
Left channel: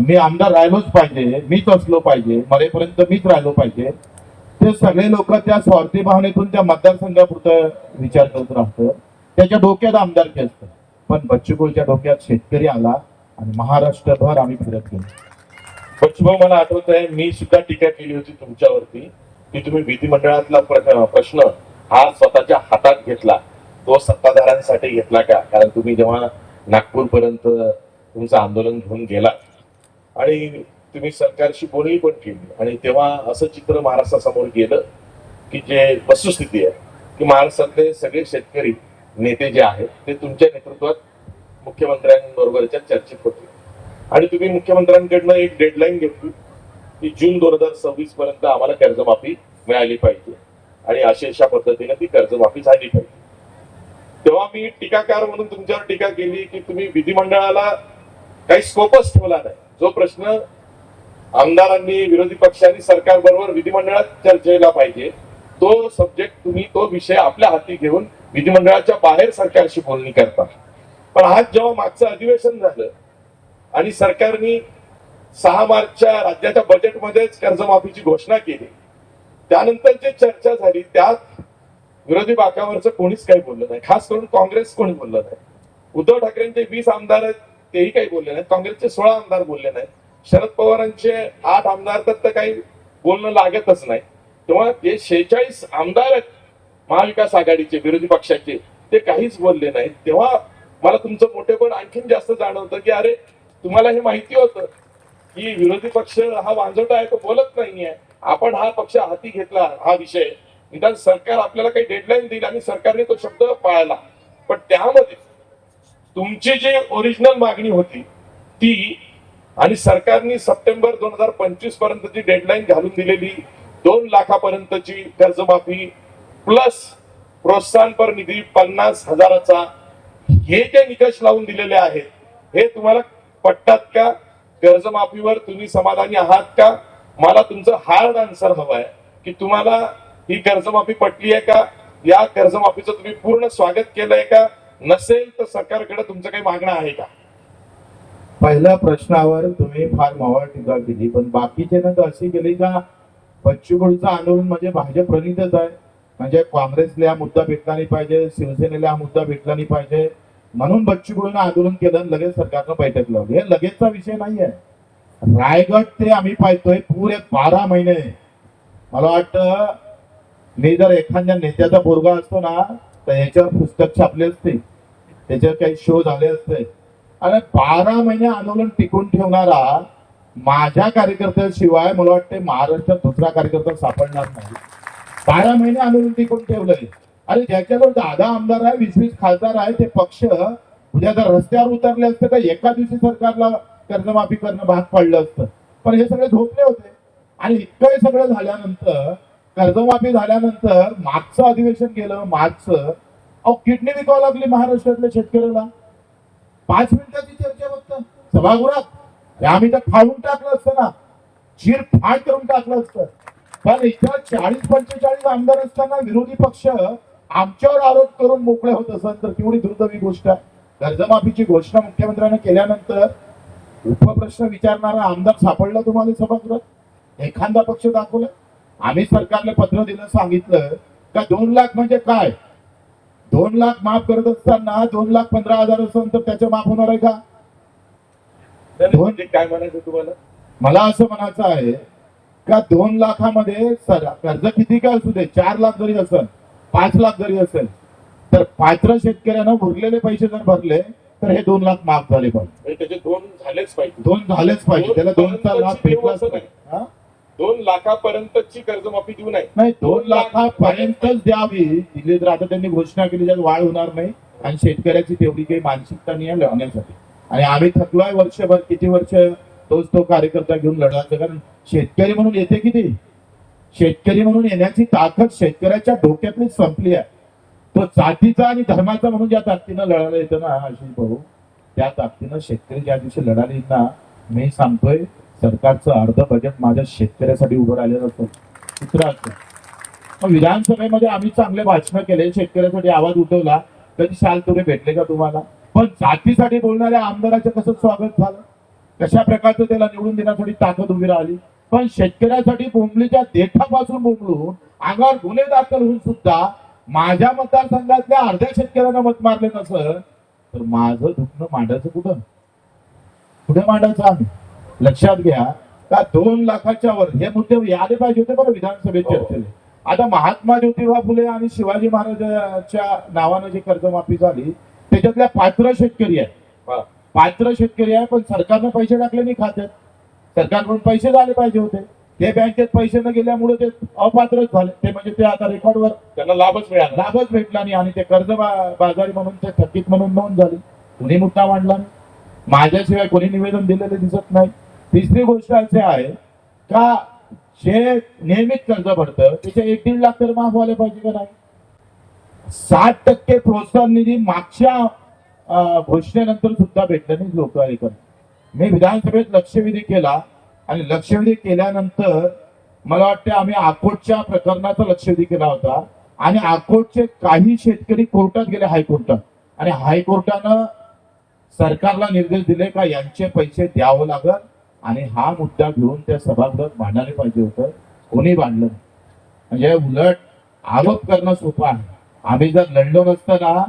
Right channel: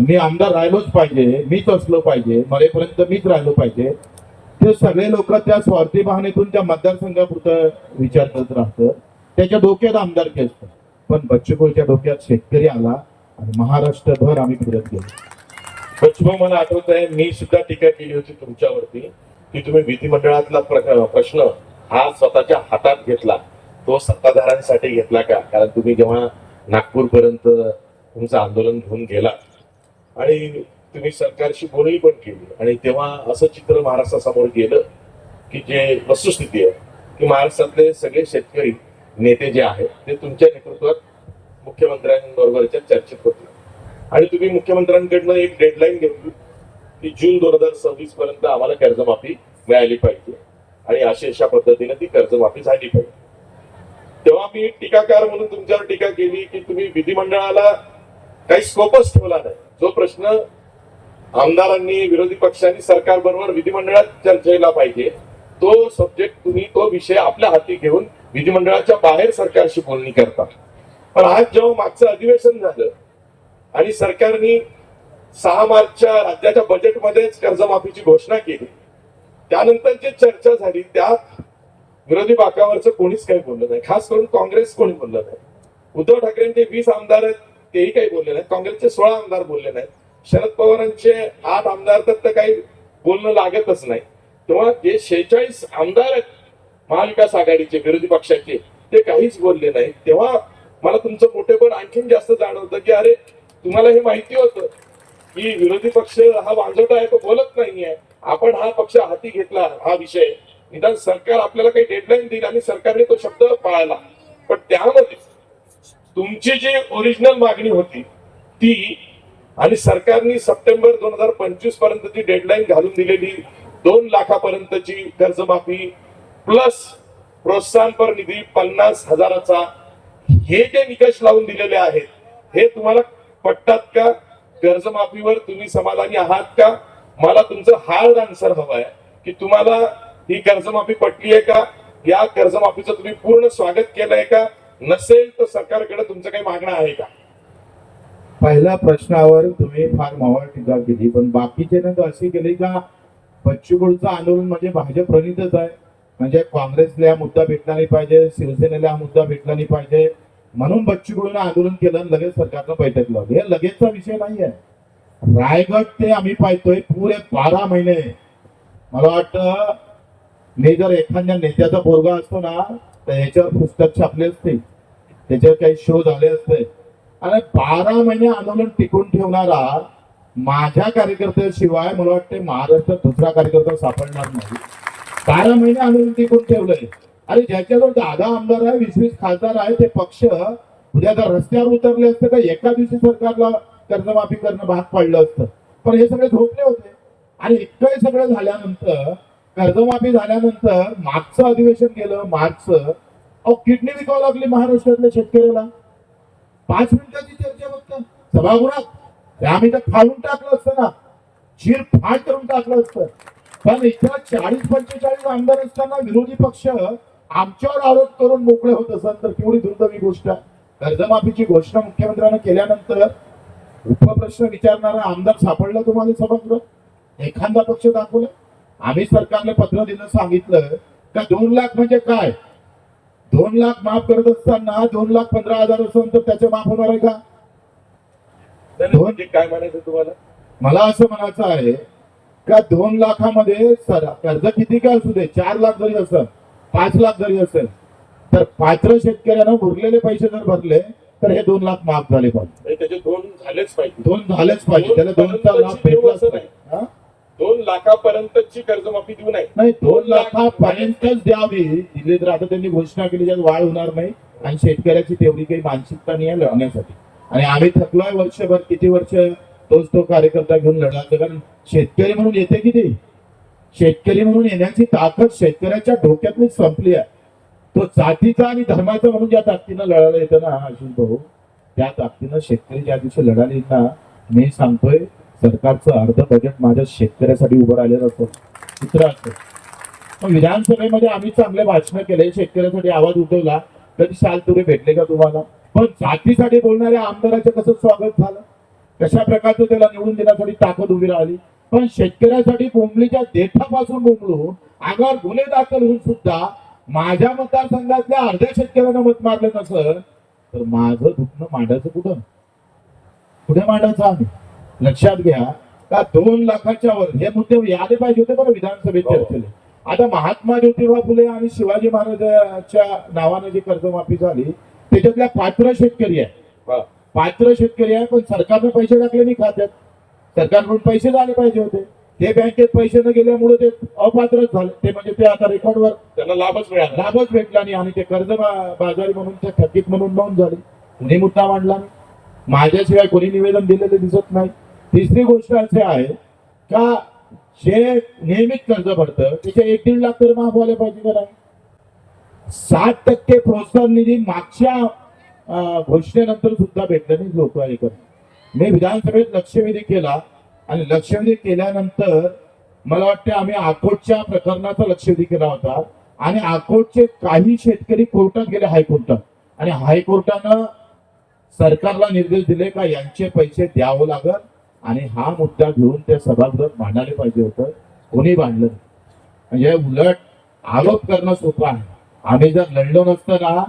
मी आमदार राहिलोच पाहिजे, मीच असलो पाहिजे, मरेपर्यंत मीच राहिलो पाहिजे, ते सगळे लोक त्या स्वार्थी भावनेतून त्या मतदारसंघापुरतं विचार करत राहतं. त्याच्या डोक्यात आमदारकी असतं, पण बच्चूभाऊच्या डोक्यात शेतकरी आला आणि महाराष्ट्रभर आम्ही फिरत गेलो. बच्चूभाऊ, मला आठवत आहे मी सुद्धा टीका केली होती तुमच्यावरती की तुम्ही विधिमंडळातला प्रश्न हा स्वतःच्या हातात घेतला, तो सत्ताधाऱ्यांसाठी घेतला का? कारण तुम्ही जेव्हा नागपूरपर्यंत तुमचं आंदोलन घेऊन गेला आणि तुम्ही सरकारशी बोलणी पण केली आणि तेव्हा असं चित्र महाराष्ट्रासमोर गेलं की जे वस्तुस्थिती आहे की महाराष्ट्रातले सगळे शेतकरी नेते जे आहेत ते तुमच्या नेतृत्वात मुख्यमंत्र्यांबरोबरच्या चर्चेत होते आणि तुम्ही मुख्यमंत्र्यांकडनं एक डेडलाईन घेतली की जून 2026 पर्यंत आम्हाला कर्जमाफी मिळाली पाहिजे आणि अशा पद्धतीने ती कर्जमाफी झाली पाहिजे. तेव्हा मी टीकाकार म्हणून तुमच्यावर टीका केली की तुम्ही विधिमंडळाला काही स्कोपच ठेवला नाही. जो प्रश्न आमदारांनी, विरोधी पक्षांनी सरकार बरोबर विधिमंडळात चर्चेला पाहिजे तो सब्जेक्ट तुम्ही, तो विषय आपल्या हाती घेऊन विधिमंडळाच्या बाहेर सरकारशी बोलणी करता. पण आज जेव्हा मागचं अधिवेशन झालं आणि सरकारने 6 मार्चच्या राज्याच्या बजेटमध्येच कर्जमाफीची घोषणा केली, त्यानंतर जे चर्चा झाली त्यात विरोधी बाकावरचं कोणीच काही बोललं नाही, खास करून काँग्रेस कोणी बोललं नाही. उद्धव ठाकरेंचे 20 आमदार तेही काही बोलले नाहीत, काँग्रेसचे 16 आमदार बोलले नाहीत, शरद पवारांचे 8 आमदार तर काही बोलणं लागतच नाही. तेव्हा जे 46 आमदार आहेत महाविकास आघाडीचे विरोधी पक्षाचे ते काहीच बोलले नाहीत. तेव्हा मला तुमचं मोठेपण आणखीन जास्त जाणवतं की अरे तुम्हाला हे माहिती होतं की विरोधी पक्ष हा वांजोटा आहे, तो बोलत नाहीये, आपण हा पक्ष हाती घेतला हा विषय, निदान सरकार आपल्याला काही डेडलाईन दिली आणि सरकारने तो शब्द पाळला. पण त्यामध्ये तुमची जी ओरिजिनल मागणी होती ती आणि सरकारने सप्टेंबर 2025 पर्यंतची डेडलाईन घालून दिलेली 2 लाखापर्यंतची कर्जमाफी प्लस प्रोत्साहनपर निधी 50,000चा, हे जे निकष लावून दिलेले आहेत हे तुम्हाला पटतात का? कर्जमाफीवर तुम्ही समाधानी आहात का? मला तुमचं हार्ड आन्सर हवं आहे की तुम्हाला ही कर्जमाफी पटली आहे का? या कर्जमाफीचं तुम्ही पूर्ण स्वागत केलंय का? नसेल तर सरकारकडे तुमचं काही मागणं आहे का? पहिल्या प्रश्नावर तुम्ही फार मावळ टीका केली, पण बाकीचे तर अशी केली का बच्चूकडूचं आंदोलन म्हणजे भाजप प्रणितच आहे, म्हणजे काँग्रेसला हा मुद्दा भेटला नाही पाहिजे, शिवसेनेला हा मुद्दा भेटला नाही पाहिजे म्हणून बच्चूकडून आंदोलन केलं आणि लगेच सरकारनं बैठक लावली. हे लगेचचा विषय नाहीये. रायगड ते आम्ही पाहतोय पुरे 12 महिने. मला वाटतं मी जर एखाद्या नेत्याचा पोरगा असतो ना तर ह्याच्यावर पुस्तक छापले असते, त्याच्यावर काही शो झाले असते. आणि 12 महिने आंदोलन टिकून ठेवणारा माझ्या कार्यकर्त्याशिवाय मला वाटते महाराष्ट्रात दुसरा कार्यकर्ता सापडणार नाही. 12 महिने आंदोलन टिकून ठेवलंय. अरे ज्याच्याकडे 10 आमदार आहे, 20 खासदार आहे, ते पक्ष उद्या जर रस्त्यावर उतरले असते तर एका दिवशी सरकारला कर्जमाफी करणं भाग पडलं असतं. पण हे सगळे झोपले होते आणि इतकं हे सगळं झाल्यानंतर, कर्जमाफी झाल्यानंतर मागचं अधिवेशन गेलं मार्चचं, किडनी विकावं लागली महाराष्ट्रातल्या शेतकऱ्याला. 5 मिनिटाची चर्चा फक्त सभागृहात, आम्ही तर खाऊन टाकलं असतं ना, चिरफाड करून टाकलं असतं. पण इथं 40-45 आमदार असताना विरोधी पक्ष आमच्यावर आरोप करून मोकळे होत असेल तर केवढी दुर्दैवी गोष्ट आहे. कर्जमाफीची घोषणा मुख्यमंत्र्यांनी केल्यानंतर उपप्रश्न विचारणारा आमदार सापडला तुम्हाला सभागृहात? एखादा पक्ष दाखवला? आम्ही सरकारने पत्र दिलं, सांगितलं का 2 लाख म्हणजे काय, 2 लाख माफ करत असताना 2,15,000 असेल तर त्याचं माफ होणार आहे का? काय म्हणायचं तुम्हाला? मला असं म्हणायचं आहे का 2 लाखामध्ये कर्ज किती काय असू दे, 4 लाख जरी असेल, 5 लाख जरी असेल, तर पात्र शेतकऱ्यानं उरलेले पैसे जर भरले तर हे 2 लाख माफ झाले पाहिजे. म्हणजे त्याचे 2 झालेच पाहिजे. 2 झालेच पाहिजे, त्याला 2चा लाभ भेटलाच पाहिजे. हा? 2 लाखापर्यंतची कर्जमाफी देऊ नये. नाही, 2 लाखापर्यंतच द्यावी दिली तर आता त्यांनी घोषणा केली त्यात वाढ होणार नाही आणि शेतकऱ्याची तेवढी काही मानसिकता नाही आहे लढण्यासाठी. आणि आम्ही थकलोय वर्षभर, किती वर्ष तोच तो कार्यकर्ता घेऊन लढायचं, कारण शेतकरी म्हणून येते किती, शेतकरी म्हणून येण्याची ताकद शेतकऱ्याच्या डोक्यातली संपली आहे. तो जातीचा आणि धर्माचा म्हणून ज्या ताकदीनं लढायला येतं ना आशिष भाऊ, त्या ताकदीनं शेतकरी ज्या दिवशी लढायला येत ना, मी सांगतोय सरकारचं अर्ध बजेट माझ्या शेतकऱ्यासाठी उभं राहिलेलं असतं, चित्र असतं. मग विधानसभेमध्ये आम्ही चांगले भाषण केले, शेतकऱ्यासाठी आवाज उठवला, कधी शाल तुरे भेटले का तुम्हाला? पण जातीसाठी बोलणाऱ्या आमदाराचं कसं स्वागत झालं, कशा प्रकारचं त्याला निवडून देण्यासाठी ताकद उभी राहिली. पण शेतकऱ्यासाठी बोंबलीच्या देठापासून बोंबलून अंगावर गुन्हे दाखल होऊन सुद्धा माझ्या मतदारसंघातल्या अर्ध्या शेतकऱ्यांना मत मारले नसलं तर माझं दुखणं मांडायचं कुठं, कुठे मांडायचं आम्ही? लक्षात घ्या का 2 लाखाच्या वर हे मुद्दे आले पाहिजे होते बरं विधानसभेत चर्चेला. आता महात्मा ज्योतिबा फुले आणि शिवाजी महाराजांच्या नावानं जी कर्जमाफी झाली त्याच्यातल्या पात्र शेतकरी आहे, पात्र शेतकरी आहे, पण सरकारनं पैसे टाकले नाही खात्यात, सरकारकडून पैसे झाले पाहिजे होते, ते बँकेत पैसे न गेल्यामुळे ते अपात्रच झाले. ते म्हणजे ते आता रेकॉर्डवर त्यांना लाभच भेटला नाही आणि ते कर्ज बाजारी म्हणून ते थकीत म्हणून नोंद झाली. कुणी मुद्दा मांडला, माझ्याशिवाय कोणी निवेदन दिलेले दिसत नाही. तिसरी गोष्ट अशी आहे का जे नियमित कर्ज भरतं त्याचे 1-1.5 लाख तर माफ व्हायला पाहिजे करा. 60% प्रोत्साहन निधी मागच्या घोषणेनंतर सुद्धा भेटलं नाही लोक ऐकत. मी विधानसभेत लक्षवेधी केला आणि लक्षवेधी केल्यानंतर मला वाटतं आम्ही अकोटच्या प्रकरणाचा लक्षवेधी केला होता आणि अकोटचे काही शेतकरी कोर्टात गेले, हायकोर्टात, आणि हायकोर्टानं सरकारला निर्देश दिले का यांचे पैसे द्यावं लागल आणि हा मुद्दा घेऊन त्या सभागृहात मांडायला पाहिजे होतं, कोणी मांडलं नाही. म्हणजे उलट आरोप करणं सोपं आहे. आम्ही जर लढलो नसतो ना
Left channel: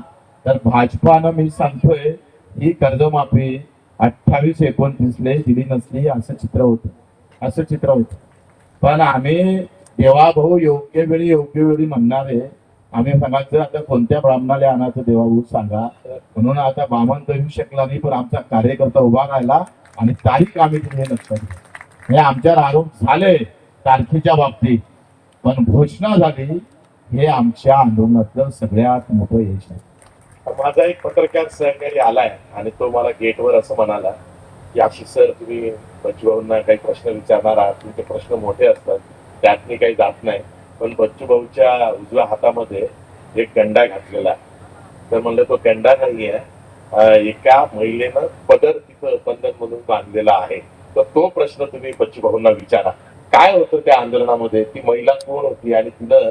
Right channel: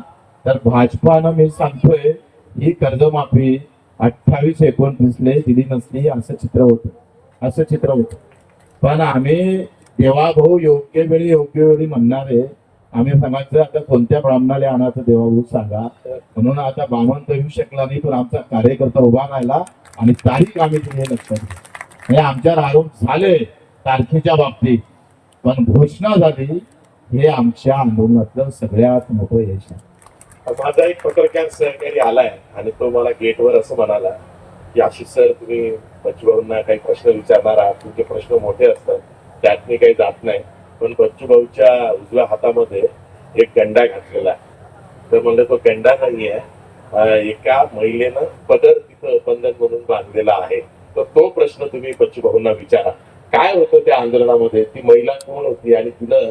तर भाजपानं, मी सांगतोय, ही कर्जमाफी 28-29 दिली नसली असं चित्र होतं, असं चित्र होतं. पण आम्ही देवाभाऊ योग्य वेळी म्हणणारे, आम्ही सांगायचं आता कोणत्या ब्राह्मणाला आणायचं देवाभाऊ सांगा, म्हणून आता बामण तर येऊ शकला नाही, पण आमचा कार्यकर्ता उभा राहिला आणि तारीख आम्ही दिली नसतात. म्हणजे आमच्यावर आरोप झाले तारखेच्या बाबतीत, पण घोषणा झाली, हे आमच्या आंदोलनातलं सगळ्यात मोठं यश आहे. माझा एक पत्रकार सहकारी आलाय आणि तो मला गेटवर असं म्हणाला की आशिष सर, तुम्ही बच्चूभाऊंना काही प्रश्न विचारणार आहात, तुमचे प्रश्न मोठे असतात, त्यात मी काही जात नाही, पण बच्चूभाऊच्या उजव्या हातामध्ये एक गंडा घातलेला आहे. तर म्हणलं तो गंडा नाहीये, एका महिलेनं पदर तिथं बंधन म्हणून बांधलेला आहे. तर तो प्रश्न तुम्ही बच्चूभाऊंना विचारा, काय होतं त्या आंदोलनामध्ये, ती महिला कोण होती आणि तिनं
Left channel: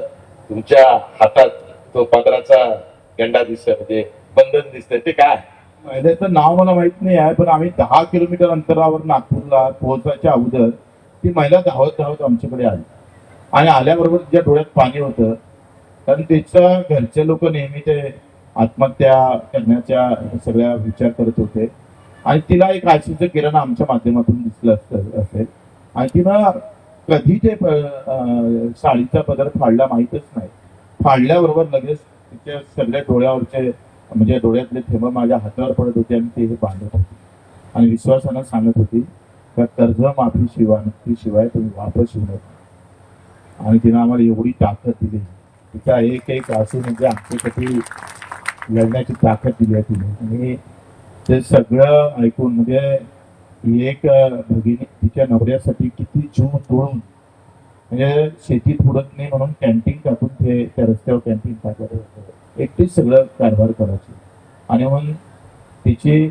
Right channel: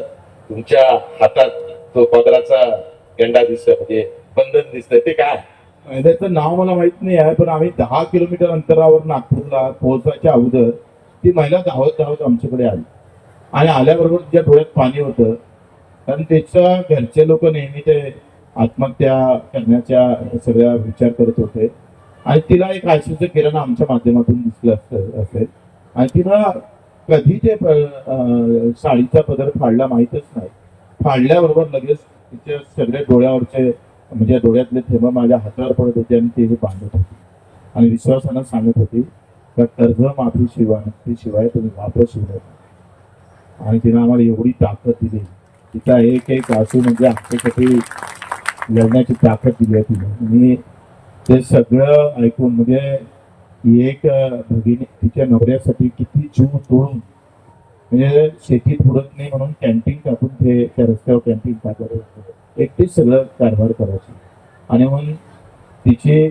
तुमच्या हातात तो पदराचा गंडा दिसतोय, म्हणजे बंधन दिसतंय, ते काय? त्याचं नाव मला माहित नाही आहे, पण आम्ही 10 किलोमीटर अंतरावर नागपूरला पोहोचायच्या अगोदर ती महिला धावत आमच्याकडे आली आणि आल्याबरोबर तिच्या डोळ्यात पाणी होतं, कारण त्याच्या घरचे लोक नेहमी ते आत्महत्या करण्याच्या सगळ्या विचार करत होते आणि तिला एक आशेचं किरण आमच्या माध्यमातून दिसलं असेल आणि तिनं कधी ते साडीचा पदर फाडला माहीतच नाही. फाडल्याबरोबर लगेच तिच्या सगळ्या डोळ्यावरचे, म्हणजे डोळ्यातले थेंब माझ्या हातावर पडत होते आणि ते बांधत होते आणि विश्वासानं सांगत होती का कर्जमाफी शिवाय तुम्ही वापस येऊ नका. आणि तिनं आम्हाला एवढी ताकद दिली, तिचा एक आसू म्हणजे आमच्यासाठी लढण्याची ताकद दिली आहे तिने. आणि ते सगळं ऐकून म्हणजे एक भगिनी तिच्या नवऱ्यासाठी किती जीव तोडून, म्हणजे शेतीत उडत नाही म्हणून कॅन्टीन टाकून ते त्या रस्त्यावर कॅन्टीन टाकायचं, एकटीच सगळं कारभार करायची. आणि मग तिची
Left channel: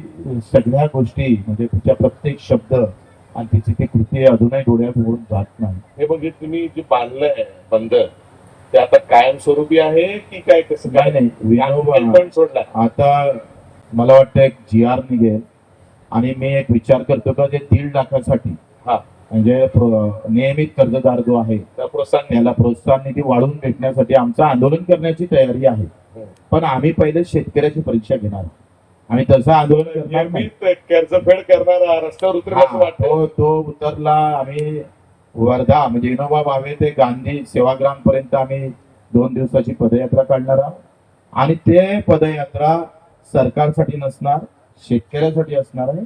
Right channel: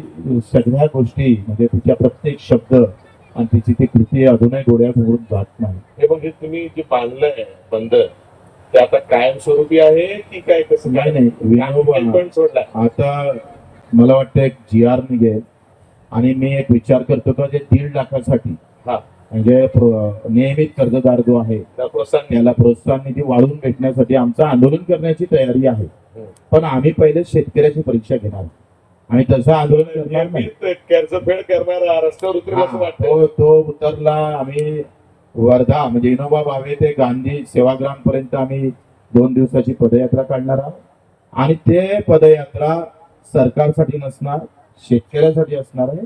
सगळ्या गोष्टी, म्हणजे तिच्या प्रत्येक शब्द आणि तिची ती कृती अजूनही डोळ्यासमोरून जात नाही. हे म्हणजे तुम्ही जे बांधलंय बंदर, ते आता कायमस्वरूपी आहे की काय, कसं? नाही, पण सोडलाय आता मला वाटतं एक GR निघेल आणि मी एक विचार करतो का जे 1.5 लाखासाठी, हा, म्हणजे नियमित कर्जदार जो आहे त्याला प्रोत्साहन निधी वाढवून भेटण्यासाठी आमचं आंदोलन करण्याची तयारी आहे. पण आम्ही पहिले शेतकऱ्याची परीक्षा घेणार आणि तसं आंदोलन करणार नाही. कर्जफेड करणारा रस्त्यावर उतरेल असं वाटतं. तो उतरला, आम्ही वर्धा म्हणजे विनोबा भावे ते गांधी सेवाग्राम पर्यंत आम्ही 2 दिवसाची पदयात्रा काढणार आहोत. आणि ते पदयात्रा सरकारसाठी नसणार, शेतकऱ्यासाठी असणार आहे.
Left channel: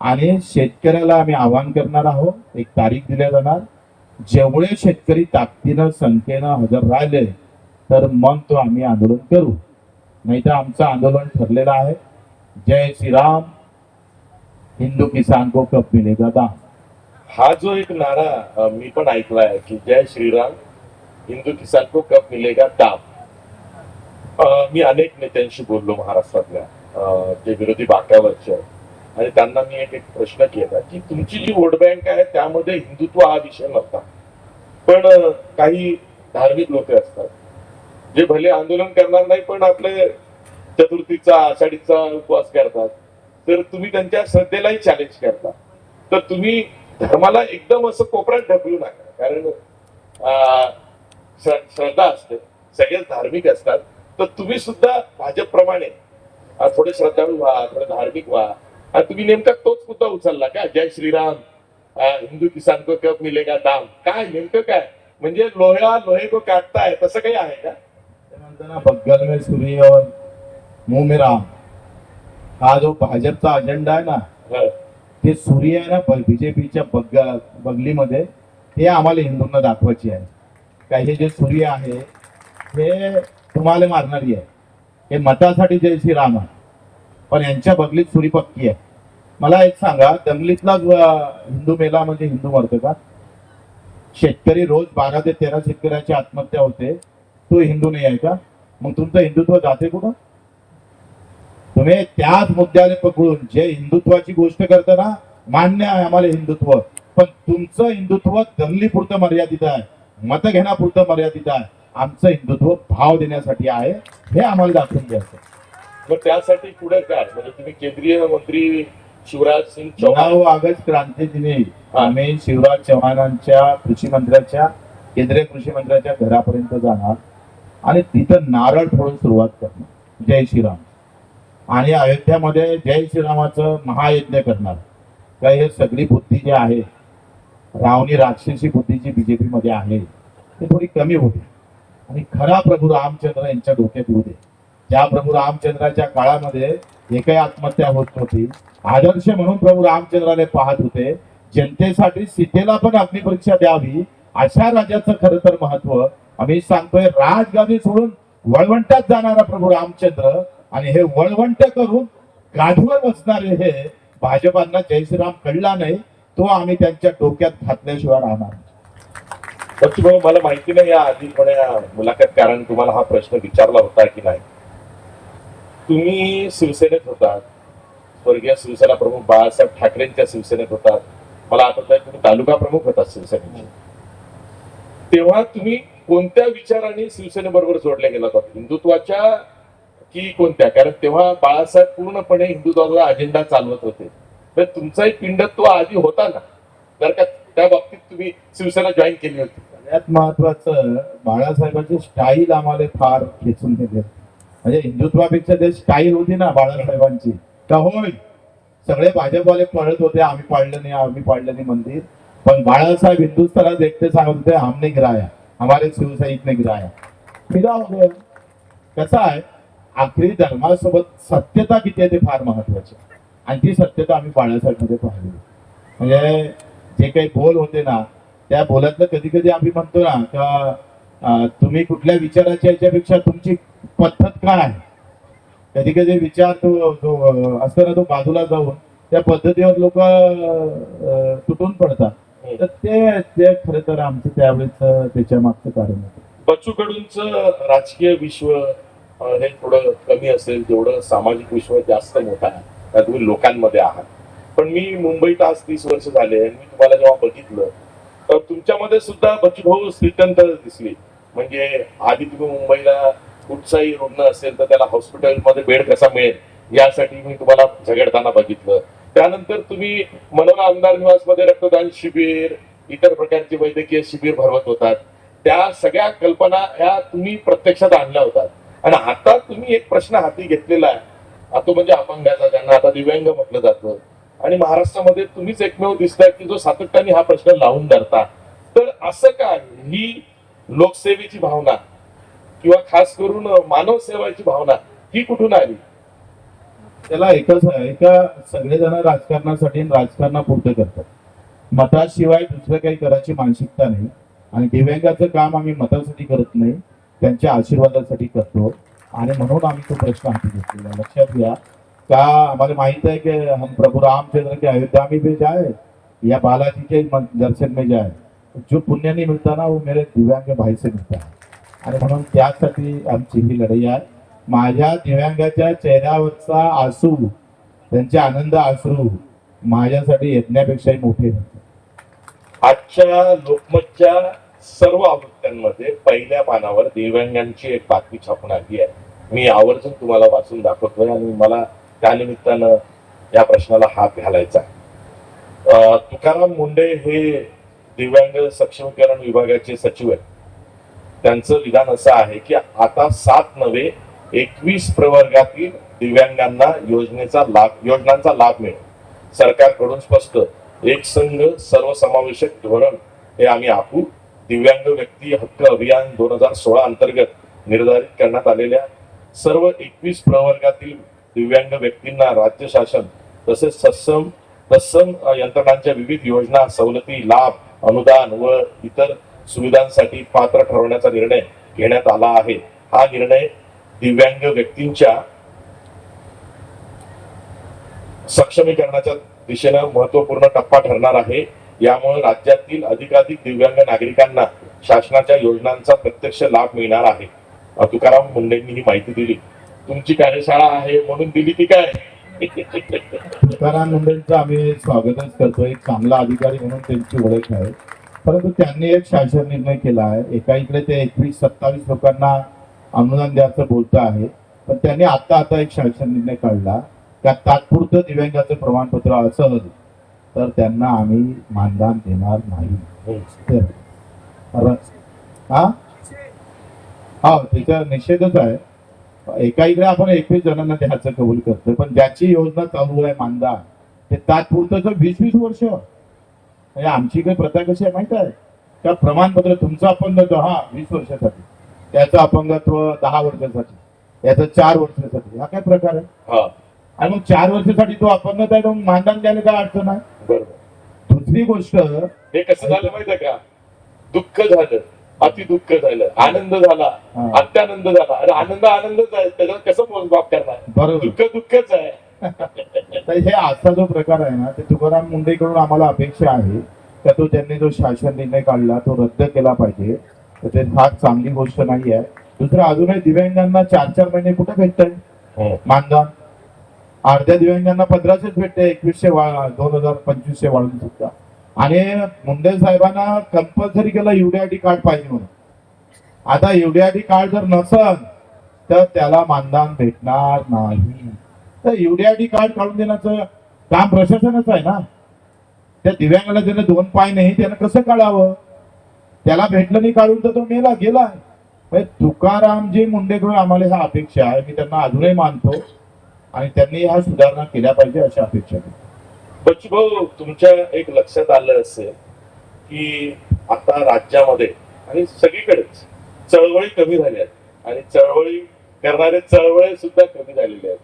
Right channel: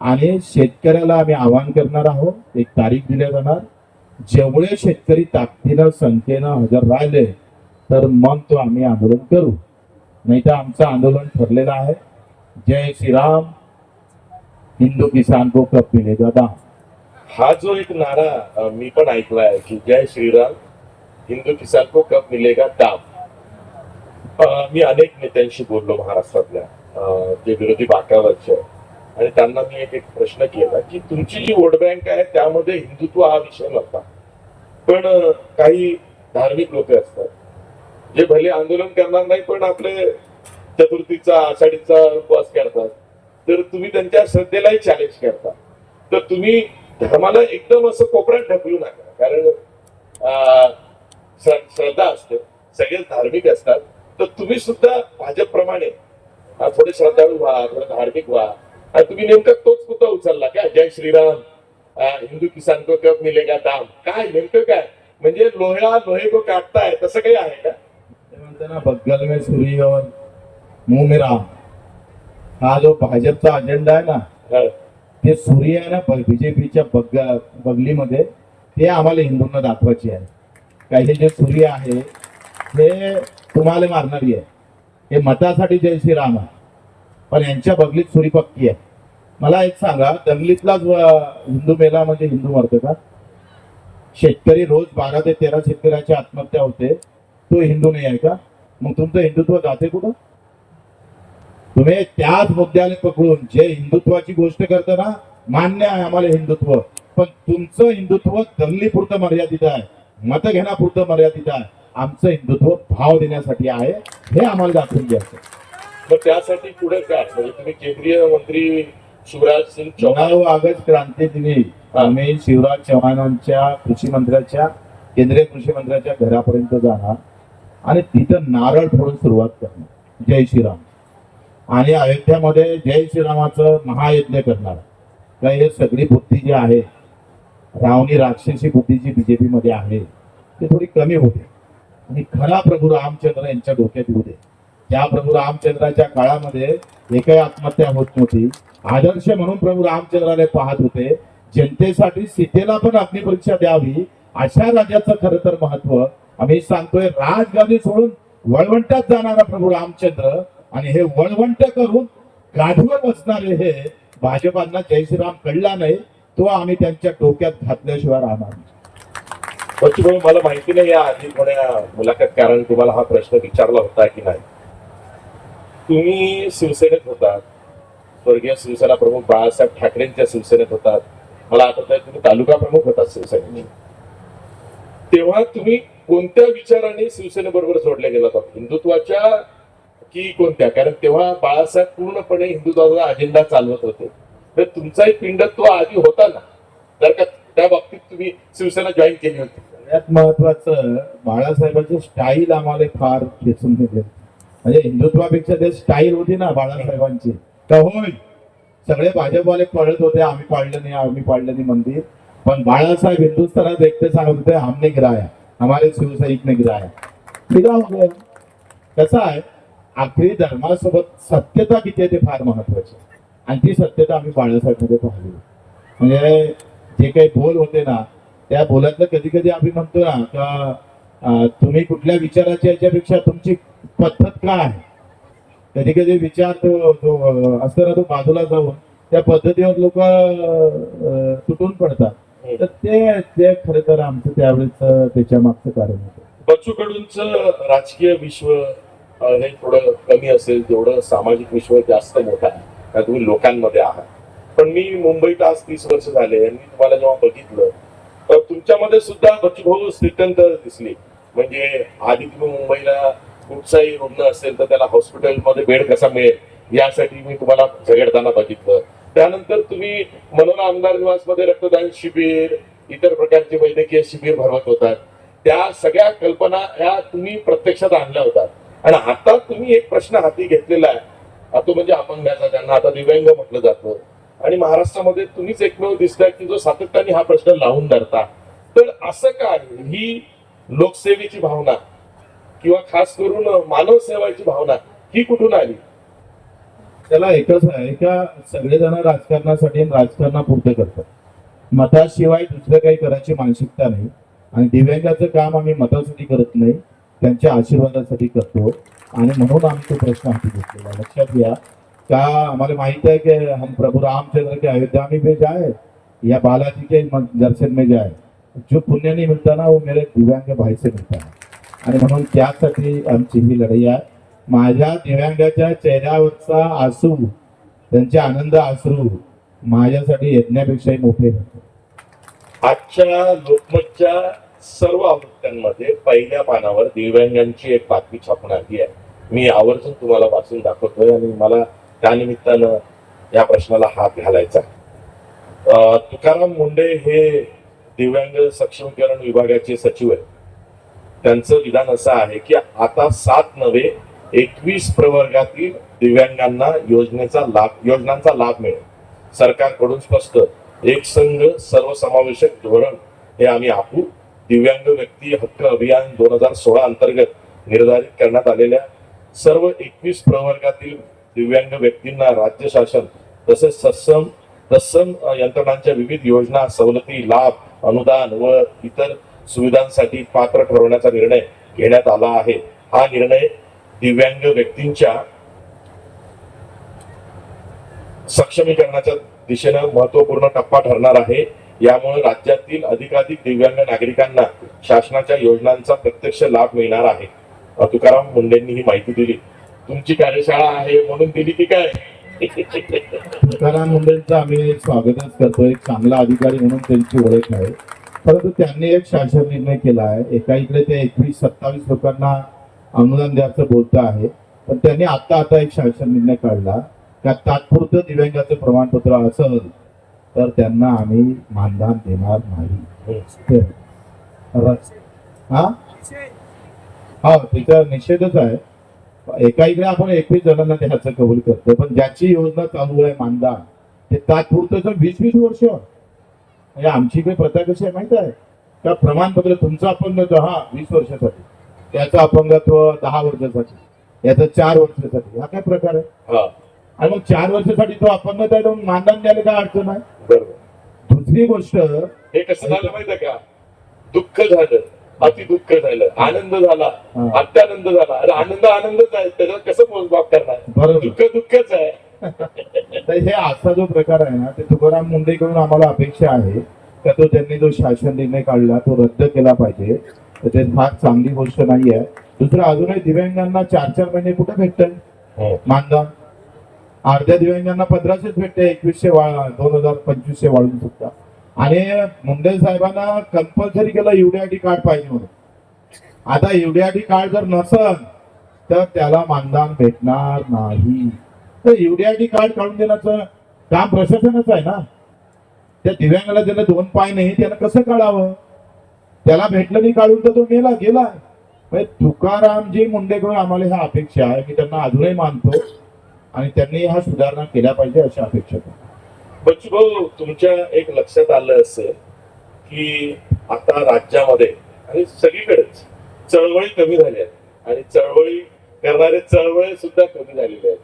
आणि शेतकऱ्याला आम्ही आवाहन करणार आहोत, एक तारीख दिल्या जाणार, जेवढे शेतकरी ताकदीनं संख्येनं हजर राहिले तर मग तो आम्ही आंदोलन करू, नाही तर आमचं आंदोलन ठरलेलं आहे. जय श्रीराम, हिंदू किसान को कब मिलेगा दाम. हा जो एक नारा मी पण ऐकलाय की जय श्रीराम, हिंदू किसान को कब मिलेगा दाम. मी अनेक नेत्यांशी बोललो महाराष्ट्रातल्या जे विरोधी बाकावरचे आहेत. आणि त्यांना मी एक प्रश्न केला की तुमची जी वोट बँक आहे त्यामध्ये हिंदुत्व हा विषय नव्हता, पण काही धार्मिक लोक असतात जे भले आंदोलन करणार नाही पण आपले चतुर्थीचा आषाढीचा उपवास करतात, तर तुम्ही त्यांच्या श्रद्धेलाही चॅलेंज करता. तर तुम्ही धर्माला एकदम असं कोपऱ्यात ढकलू नका, कारण श्रद्धा असते, सगळेच धार्मिक असतात. तर तुम्ही सुद्धा भाजपप्रमाणे थोडे श्रद्धाळू व्हा, थोडे धार्मिक व्हा. आणि तुम्ही नेमका तोच मुद्दा उचलला का, जय श्रीराम, हिंदू किसान को कब मिलेगा दाम. काय नेमकं काय म्हणजे लोहे को काटता है तसं काही आहे का? ते म्हणतात ना, बगल में सूर्य और मुंह में राम. हा जो भाजपचा अजेंडा आहे ना, हा. ते सूर्य आहे ना बीजेपीच्या बगलीमध्ये, ते आम्हाला हिंदूंना दाखवायचे आहे. काही जे सूर्य आहे हे तुम्हाला मारणारी आहे. हे मतासाठी जय श्रीराम आहे, पण यांच्या बगलीत सुरी पक्की आहे. मला एक सांगा, दंगलीतलाच हिंदू मेला म्हणजे हिंदू मरतो का? शेतकरी रोज 12 ते 13 शेतकऱ्याची आत्महत्या होते, तो हिंदू नाही आहे का? मग तुमचं हिंदुत्व जाते कुठं? तुम्ही त्याच मुद्द्याने पकडून जे हिंदुत्वाची गोष्ट करता ना, मान्य आहे आम्हाला हिंदुत्व, पण तुमचं हिंदुत्व दंगलीपुरतं मर्यादित आहे, मत घेण्यापुरतं मर्यादित आहे. आमचं हिंदुत्व भाव देण्यासाठी आहे, हे आम्हाला दाखवून द्यायचं. मग त्यासाठी पुढे काय, म्हणजे तुम्ही केंद्रीय मंत्री शिवराज सिंग चौहान 9 ऑगस्ट क्रांती दिनी आम्ही शिवराज चव्हाणांच्या कृषी मंत्र्याच्या, केंद्रीय कृषी मंत्र्याच्या घरापर्यंत जाणार आणि तिथं नारळ फोडून सुरुवात करणार जय श्रीराम. आणि अयोध्यामध्ये जय श्रीरामाचं महायज्ञ करणार. काय हे सगळी बुद्धी जी आहे, रावणी राक्षसी बुद्धी जी बीजेपी मध्ये आहे, ती थोडी कमी होते आणि खरा प्रभू रामचंद्र यांच्या डोक्यात येऊ दे. ज्या प्रभू रामचंद्राच्या काळामध्ये एकही आत्महत्या होत नव्हती, आदर्श म्हणून प्रभू रामचंद्राने पाहत होते, जनतेसाठी सीतेला पण अग्निपरीक्षा द्यावी, अशा राजाचं खरं तर महत्व आम्ही सांगतोय. राजगादी सोडून वळवंटात जाणारा प्रभू रामचंद्र आणि हे वळवंट करून गाढीवर बसणारे हे भाजपांना जय श्रीराम कळला नाही, तो आम्ही त्यांच्या डोक्यात घातल्याशिवाय राहणार नाही. बच्चूभाऊ, मला माहिती नाही या आधी कोण्या मुलाखतकारांनी तुम्हाला हा प्रश्न विचारला होता की नाही. तुम्ही शिवसेनेत होतात, स्वर्गीय शिवसेना प्रमुख बाळासाहेब ठाकरेंच्या शिवसेनेत होतात. मला आठवत आहे तुम्ही तालुका प्रमुख होतात शिवसेनेचे. तेव्हा तुम्ही कोणत्या विचाराने शिवसेनेबरोबर जोडले गेला होता, हिंदुत्वाच्या की कोणत्या? कारण तेव्हा बाळासाहेब पूर्णपणे हिंदुत्वाचा अजेंडा चालवत होते. तर तुमचाही पिंडत्व आधी होता ना, जर का त्या बाबतीत तुम्ही शिवसेना जॉईन केली होती. सगळ्यात महत्वाचं, बाळासाहेबांची स्टाईल आम्हाला फार खेचून घेतली. म्हणजे हिंदुत्वापेक्षा ते स्टाईल होती ना बाळासाहेबांची, का होय सगळे भाजपवाले पळत होते, आम्ही पाडलं नाही मंदिर, पण बाळासाहेब हिंदुस्थानात एकटे सांगत होते, हमने गिराया, हमारे शिवसैनिक ने गिराया. कसं आहे, आखरी धर्मासोबत सत्यता किती आहे ते फार महत्वाचे, आणि ती सत्यता आम्ही बाळासाहेब मध्ये पाहिली. म्हणजे जे काही बोल होते ना, त्या बोलातलं कधी कधी आम्ही म्हणतो ना का तुम्ही कुठल्या विचाराच्या याच्यापेक्षा तुमची पद्धत काय आहे. कधी कधी विचार तो जो असतो ना, तो बाजूला जाऊन त्या पद्धतीवर लोक तुटून पडतात. तर ते खरं तर आमचं त्यावेळेस त्याच्या मागचं कारण होतं. बच्चू कडूंचं राजकीय विश्व हे थोडं कमी असेल, जेवढं सामाजिक विश्व जास्त मोठं आहे, त्या तुम्ही लोकांमध्ये आहात. पण मी मुंबईत आज 30 वर्ष झाले, मी तुम्हाला जेव्हा बघितलं तर तुमच्यामध्ये सुद्धा बच्चू भाऊ श्रीकंठ दिसली. म्हणजे आधी तुम्ही मुंबईला कुठचाही रुग्ण असेल तर त्याला हॉस्पिटलमध्ये बेड कसा मिळेल यासाठी मी तुम्हाला झगडताना बघितलं. त्यानंतर तुम्ही मनोरा आमदार निवासमध्ये रक्तदान शिबिर, इतर प्रकारचे वैद्यकीय शिबिर भरवत होतात. त्या सगळ्या कल्पना ह्या तुम्ही प्रत्यक्षात आणल्या होतात. आणि आता तुम्ही एक प्रश्न हाती घेतलेला आहे, तो म्हणजे अपंगाचा, ज्यांना आता दिव्यांग म्हटलं जातं. आणि महाराष्ट्रामध्ये तुम्हीच एकमेव दिसताय की जो सातत्याने हा प्रश्न लावून धरता तर असं काय ही लोकसेवेची भावना किंवा खास करून मानव सेवाची भावना ही कुठून आली? त्याला एकच आहे का सगळेजण राजकारणासाठी आणि राजकारणापुरते करतात. मताशिवाय दुसरं काही करायची मानसिकता नाही. आणि दिव्यांगाचं काम आम्ही मतासाठी करत नाही, त्यांच्या आशीर्वादासाठी करतो. आणि म्हणून आम्ही तो प्रश्न हाती घेतलेला. लक्षात घ्या का आम्हाला माहित है कि हम प्रभु रामचंद्र के अयोध्या में भी जाए या बालाजी के दर्शन में जाए, जो पुण्य नहीं मिलता ना वो मेरे दिव्यांग भाई से मिलता है. आणि म्हणून त्यासाठी आमची ही लढाई आहे. माझ्या दिव्यांगाच्या चेहऱ्यावरचा आसू, त्यांचे आनंद अश्रू माझ्यासाठी यज्ञापेक्षाही मोठे होते. आजच्या लोकमतच्या सर्व आवृत्त्यांमध्ये पहिल्या पानावर दिव्यांगांची एक बातमी छापून आली आहे. मी आवर्जून तुम्हाला वाचून दाखवतोय आणि मला त्यानिमित्तानं या प्रश्नाला हात घालायचा आहे. तुकाराम मुंडे हे दिव्यांग सक्षमीकरण विभागाचे सचिव आहेत. त्यांचं विधान असं आहे की आता 7 नव्हे 21 प्रवर्गातील दिव्यांगांना योजनांचा लाभ मिळेल. सरकारकडून स्पष्ट एक संघ सर्वसमावेशक धोरण हे आम्ही आखू. दिव्यांग व्यक्ती हक्क अभियान 2016 अंतर्गत निर्धारित करण्यात आलेल्या सर्व 21 प्रवर्गातील दिव्यांग व्यक्तींना राज्य शासन तसेच तत्सम यंत्रणांच्या विविध योजना, सवलती, लाभ, अनुदान व इतर सुविधांसाठी पात्र ठरवण्याचा निर्णय घेण्यात आला आहे. हा निर्णय दिव्यांग व्यक्तींच्या सक्षमीकरणाच्या दिशेनं महत्वपूर्ण टप्पा ठरणार आहे. यामुळे राज्यातील अधिकाधिक दिव्यांग नागरिकांना शासनाच्या योजनांचा प्रत्यक्ष लाभ मिळणार आहे. तुकाराम मुंडेंनी ही माहिती दिली. तुमची कार्यशाळा आहे म्हणून दिली ती काय? तुकाराम मुंडेंचं आम्ही स्वागतच करतो. एक चांगला अधिकारी म्हणून त्यांची ओळख आहे. परंतु त्यांनी एक शासन निर्णय केला आहे. एका इकडे ते 21-27 लोकांना अनुदान द्यायचं बोलतं आहे, पण त्यांनी आता एक शासन निर्णय काढला का तात्पुरतं दिव्यांगाचं प्रमाणपत्र असेल तर त्यांना आम्ही मानधन देणार नाही. हा तिचा निषेधच आहे. एका इकडे आपण 21 जणांना द्यायचं कबूल करतो, पण ज्याची योजना चालू आहे मानधन ते तात्पुरतं 20-20 वर्ष. म्हणजे आमची काही प्रथा कशी आहे माहित आहे का? प्रमाणपत्र तुमचं अपंगत्व 20 वर्षासाठी, त्याचं अपंगत्व 10 वर्षासाठी, याचं 4 वर्षासाठी. हा काय प्रकार आहे? आणि मग 4 वर्षासाठी तो अपंगत आहे म्हणून मानधन द्यायला काय अडचण आहे? बरोबर. दुसरी गोष्ट, हे कसं झालं माहितीये का? दुःख झालं, अति दुःख झालं, आनंद झाला, अत्यानंद झाला. अरे आनंदच आहे, त्याच्यात कसं मोजमाप करणार? बरोबर. दुःखच आहे. तर हे असा जो प्रकार आहे ना, ते तुकाराम मुंडेकडून आम्हाला अपेक्षा आहे का तो त्यांनी जो शासन निर्णय काढला तो रद्द केला पाहिजे. तर ते फार चांगली गोष्ट नाही आहे. दुसरं अजूनही दिव्यांगांना 4-4 महिने कुठं भेटतंय मानधन? अर्ध्या दिव्यांगांना 1500 भेटते, 2100 2025 वाढवून सुद्धा. आणि मुंडे साहेबांना कंपल्सरी केलं युडीआयडी कार्ड पाहिजे म्हणून. आता युडीआयडी कार्ड जर नसल तर त्याला मानधन भेटणार नाही. तर युडीआयडी कार्ड काढून देण्याचं काम प्रशासनाचं आहे ना. त्या दिव्यांगाला ज्याने 2 पाय नाही त्यानं कसं काढावं? त्याला भेटलं नाही काढून तर तो गेला. तुकारामजी मुंडेकडून आम्हाला ह्या अपेक्षा आहे. मी त्यांना अजूनही मानतो आणि त्यांनी ह्या सुधारणा केल्या पाहिजे अशी अपेक्षा करतो. बच्चू भाऊ, तुमच्या एक लक्षात आलं असेल की आता राज्यामध्ये आणि सगळीकडेच चळवळी कमी झाल्या आहेत आणि चळवळी करणारे चळवळी सुद्धा कमी झालेले आहेत.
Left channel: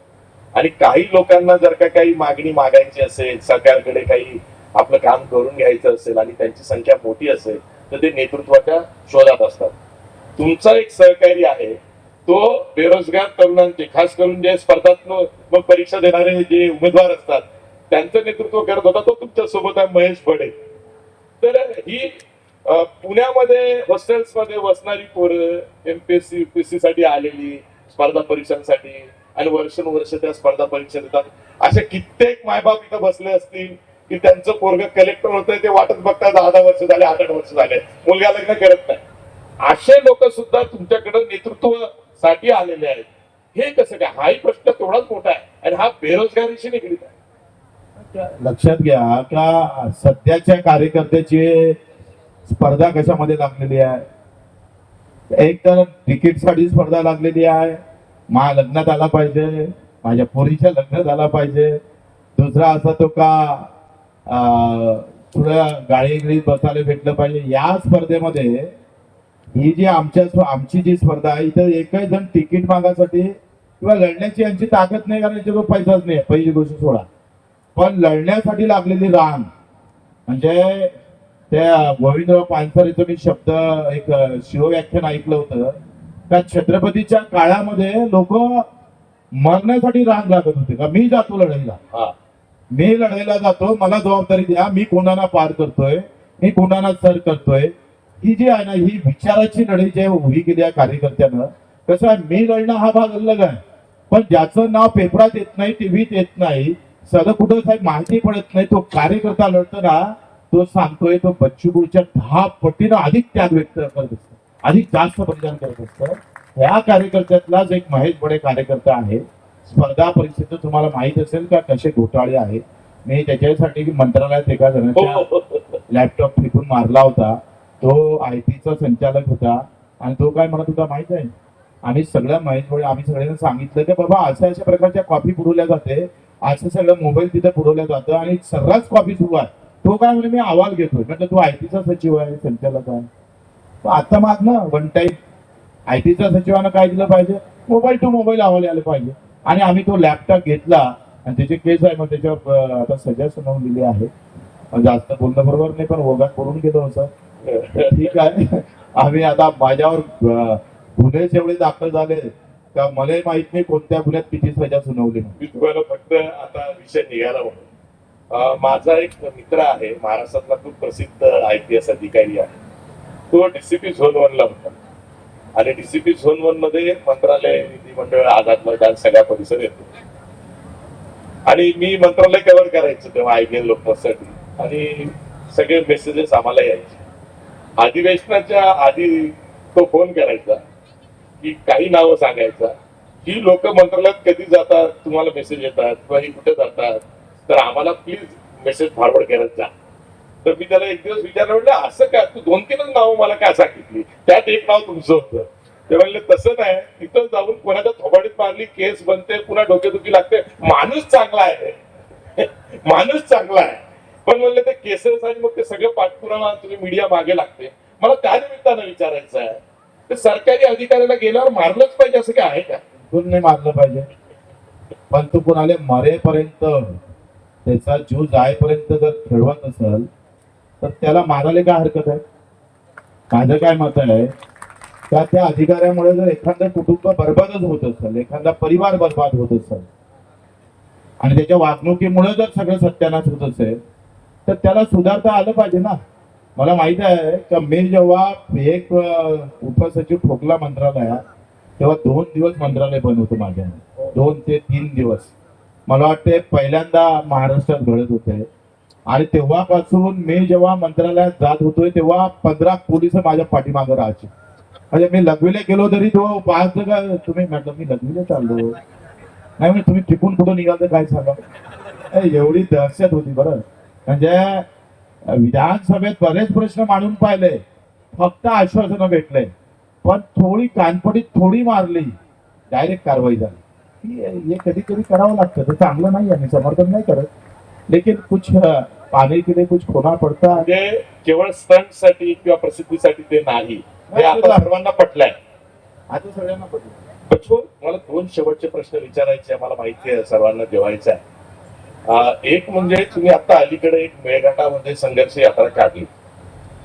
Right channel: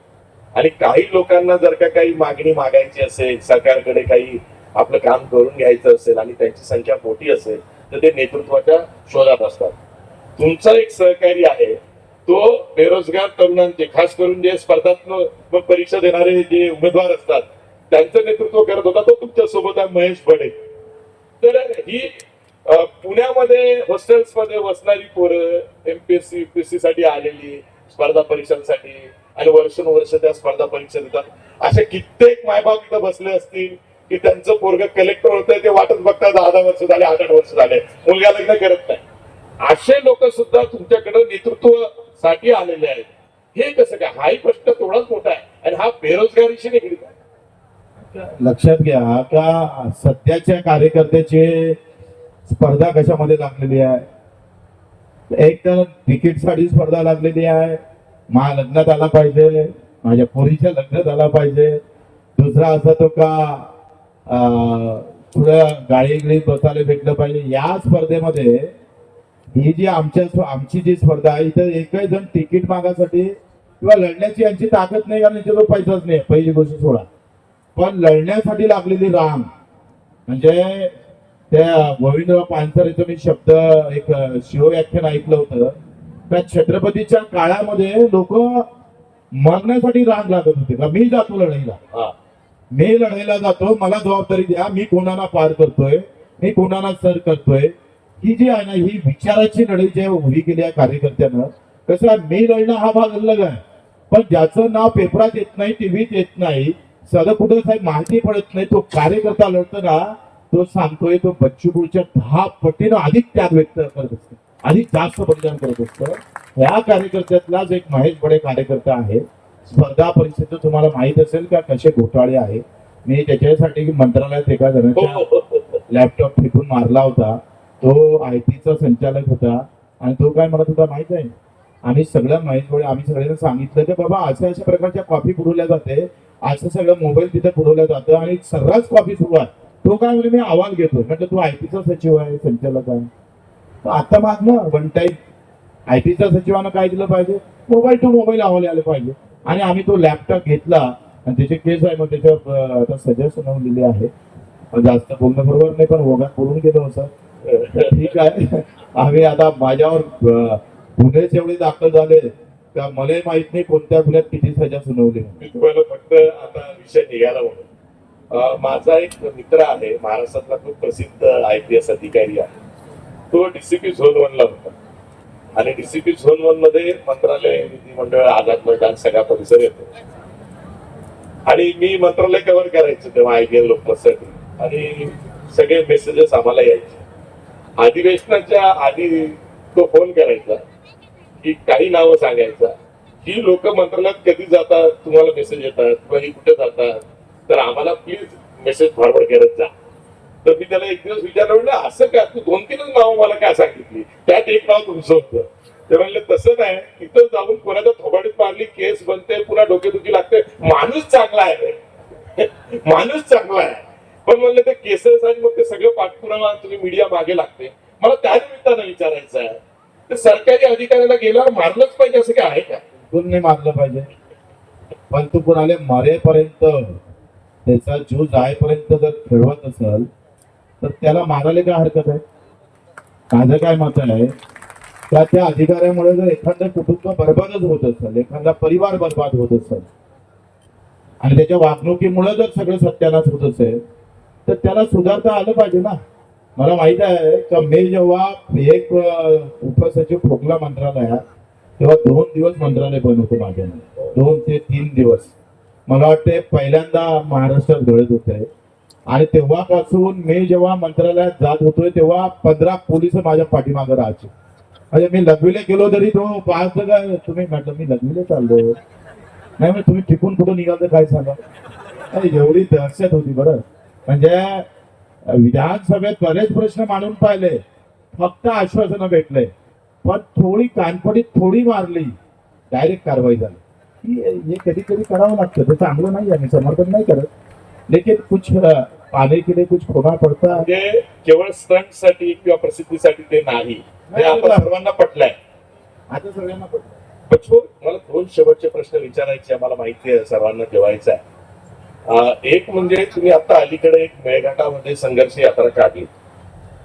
आणि काही लोकांना जर का काही मागणी मागायची असेल, सरकारकडे काही आपलं काम करून घ्यायचं असेल आणि त्यांची संख्या मोठी असेल तर ते नेतृत्वाच्या शोधात असतात. तुमचा एक सहकारी आहे तो बेरोजगार तरुणांचे, खास करून जे स्पर्धात्मक परीक्षा देणारे जे उमेदवार असतात त्यांचं नेतृत्व करत होता. तो तुमच्या सोबत आहे, महेश बडे. तर ही पुण्यामध्ये हॉस्टेल्स मध्ये बसणारी पोरं एमपीएससी युपीएससी साठी आलेली स्पर्धा परीक्षांसाठी आणि वर्षानुवर्ष त्या स्पर्धा परीक्षा देतात. असे कित्येक मायबाप इथं बसले असतील की त्यांचं पोरग कलेक्टर होतंय, ते वाटच बघतात 10 वर्ष झाले, 8 वर्ष झाले, मुलगा लग्न करत नाही. असे लोक सुद्धा तुमच्याकडे नेतृत्वासाठी आलेले आहेत. हे कसं काय? हाही प्रश्न तेवढाच मोठा आहे आणि हा बेरोजगारीशी निगडीत आहे. लक्षात घ्या का सध्याच्या कार्यकर्त्याची स्पर्धा कशामध्ये लागलेली आहे? एक तर तिकीटसाठी स्पर्धा लागलेली आहे. लग्नात आला पाहिजे, माझ्या पोरीच्या लग्नात आला पाहिजे. दुसरा असा तो का थोडं गाडीगिळीत बसायला भेटलं पाहिजे. या स्पर्धेमध्ये ही जी आमची जी स्पर्धा आहे, इथं एकही जण तिकीट मागासाठी किंवा लढण्याची यांची ताकद नाही, कारण याच्यावर पैसाच नाही. पहिली गोष्ट सोडा, पण लढण्यासाठी लागलेली रांग म्हणजे त्या गोविंदराव पानसरेचं मी शब्द एक शिवव्याख्यान ऐकलं होतं. त्या छत्रपतीच्या काळामध्ये लोक मरण्यासाठी रांग लागत होते का मी जातो लढाईला, हा. मी लढाईला जातो, मला जबाबदारी द्या, मी कोणाला पार करतोय, मी कोणाला सर करतोय. ही जी आहे ना, ही विचाराची लढाई जी उभी केली आहे कार्यकर्त्यानं. कसं आहे, मी लढणं हा भाग अलग आहे, पण ज्याचं नाव पेपरात येत नाही, टीव्हीत येत नाही, सगळं कुठं साहेब माहिती पडत नाही, तो कार्यकर्ता लढतो ना, तो सांगतोय तो बच्चूपूरच्या 10 पटीनं अधिक त्याग व्यक्त करत असतो, अधिक जास्त बलिदान करत असतं. ह्या कार्यकर्त्यातलाच एक महेश बडे कार्यकर्ता आहे. स्पर्धा परीक्षेचं तुम्हाला माहित असेल का कसे घोटाळे आहे. मी त्याच्यासाठी मंत्रालयात एका जणांच्या लॅपटॉप फेकून मारला होता. तो आयटीचा संचालक होता आणि तो काय म्हणत होता माहित आहे, आणि सगळ्या महेश बडे आम्ही सगळ्यांना सांगितलं की बाबा अशा अशा प्रकारच्या कॉपी पुरवल्या जाते, असं सगळं मोबाईल तिथे पुरवलं जातं आणि सर्रास कॉपी सुरू आहे. तो काय म्हणजे मी अहवाल घेतोय. म्हटलं तू आयटीचा सचिव आहे, संचालक आहे, तर आता माग ना वन टाईम आयटीच्या सचिवानं काय दिलं पाहिजे, मोबाईल टू मोबाईल अहवाल आले पाहिजे. आणि आम्ही तो लॅपटॉप घेतला आणि त्याचे केस आहे, मग त्याच्यावर आता सजा सुनावून दिली आहे. जास्त बोलणं बरोबर नाही, पण ओघात पडून गेलो असं. ठीक आहे, आम्ही आता माझ्यावर गुन्हे एवढे दाखल झाले का मला माहित नाही कोणत्या गुन्ह्यात किती सजा सुनावली. मी तुम्हाला फक्त आता विषय निघाला म्हणून माझा एक मित्र आहे, महाराष्ट्रातला खूप प्रसिद्ध IPS अधिकारी आहे. तो DCP झोन 1 ला होता आणि DCP झोन 1 मध्ये मंत्रालय, विधिमंडळ, आझाद मैदान सगळा परिसर येतो. आणि मी मंत्रालय कव्हर करायचं तेव्हा IPL लोकमतसाठी, आणि सगळे मेसेजेस आम्हाला यायचे. अधिवेशनाच्या आधी तो फोन करायचा की काही नावं सांगायचा, ही लोक मंत्रालयात कधी जातात, तुम्हाला मेसेज येतात किंवा ही कुठे जातात, तर आम्हाला प्लीज मेसेज फॉरवर्ड करत जा. तर मी त्याला एक दिवस विचारलं, म्हणलं असं काय, तू 2-3च नावं मला काय सांगितली, त्यात एक नाव तुमचं होतं. ते म्हणले तसं नाही, तिथं जाऊन कोणाच्या थोबाडीत मारली, केस बनते, पुन्हा डोकेदुखी लागते. माणूस चांगला आहे, माणूस चांगला आहे, पण म्हणले ते केसेस आणि मग ते सगळं पाठपुरावा तुम्ही मीडिया मागे लागते. मला त्या निमित्तानं विचारायचं आहे, ते सरकारी अधिकाऱ्याला गेल्यावर मारलंच पाहिजे असं काय आहे का? बिलकुल नाही मारलं पाहिजे, पण तू कोणाला मरेपर्यंत, त्याचा जीव जायपर्यंत जर खेळवत असेल तर त्याला मारायला काय हरकत आहे? माझं काय मत आहे, त्या अधिकाऱ्यामुळे जर एखादं कुटुंब बर्बादच होत असेल, एखादा परिवार बर्बाद होत असेल आणि त्याच्या वागणुकीमुळे जर सगळं सत्यानाश होत असेल, तर त्याला सुधारता आलं पाहिजे ना. मला माहित आहे की मी जेव्हा एक उपसचिव ठोकला मंत्रालयात, तेव्हा 2 दिवस मंत्रालय बंद होतं माझ्या, 2 ते 3 दिवस. मला वाटते पहिल्यांदा महाराष्ट्रात घडत होते. आणि तेव्हापासून मी जेव्हा मंत्रालयात जात होतोय तेव्हा 15 पोलिस माझ्या पाठीमागे राहायचे. म्हणजे मी लघवीला गेलो तरी तो 5 जगा, तुम्ही म्हटलं मी लघवीला चाललो नाही, म्हणजे तुम्ही टिकून कुठं निघाल काय सांगा. एवढी दहशत होती. बरं म्हणजे विधानसभेत बरेच प्रश्न मांडून पाहिले, फक्त आश्वासनं भेटले, पण थोडी कानपडीत थोडी मारली, डायरेक्ट कारवाई झाली. हे कधी कधी करावं लागतं, ते चांगलं नाही आहे, मी समर्थन नाही करत, लेकिन कुछ पाने के लिए कुछ खोना पडता. म्हणजे केवळ स्टंट साठी किंवा प्रसिद्धीसाठी ते नाही, ते आता सर्वांना पटलंय, आता सगळ्यांना पडलं. बच्चू, मला 2 शेवटचे प्रश्न विचारायचे, मला माहिती आहे सर्वांना जेवायचं आहे. एक म्हणजे तुम्ही आता अलीकडे एक मेळघाटामध्ये संघर्ष यात्रा काढली.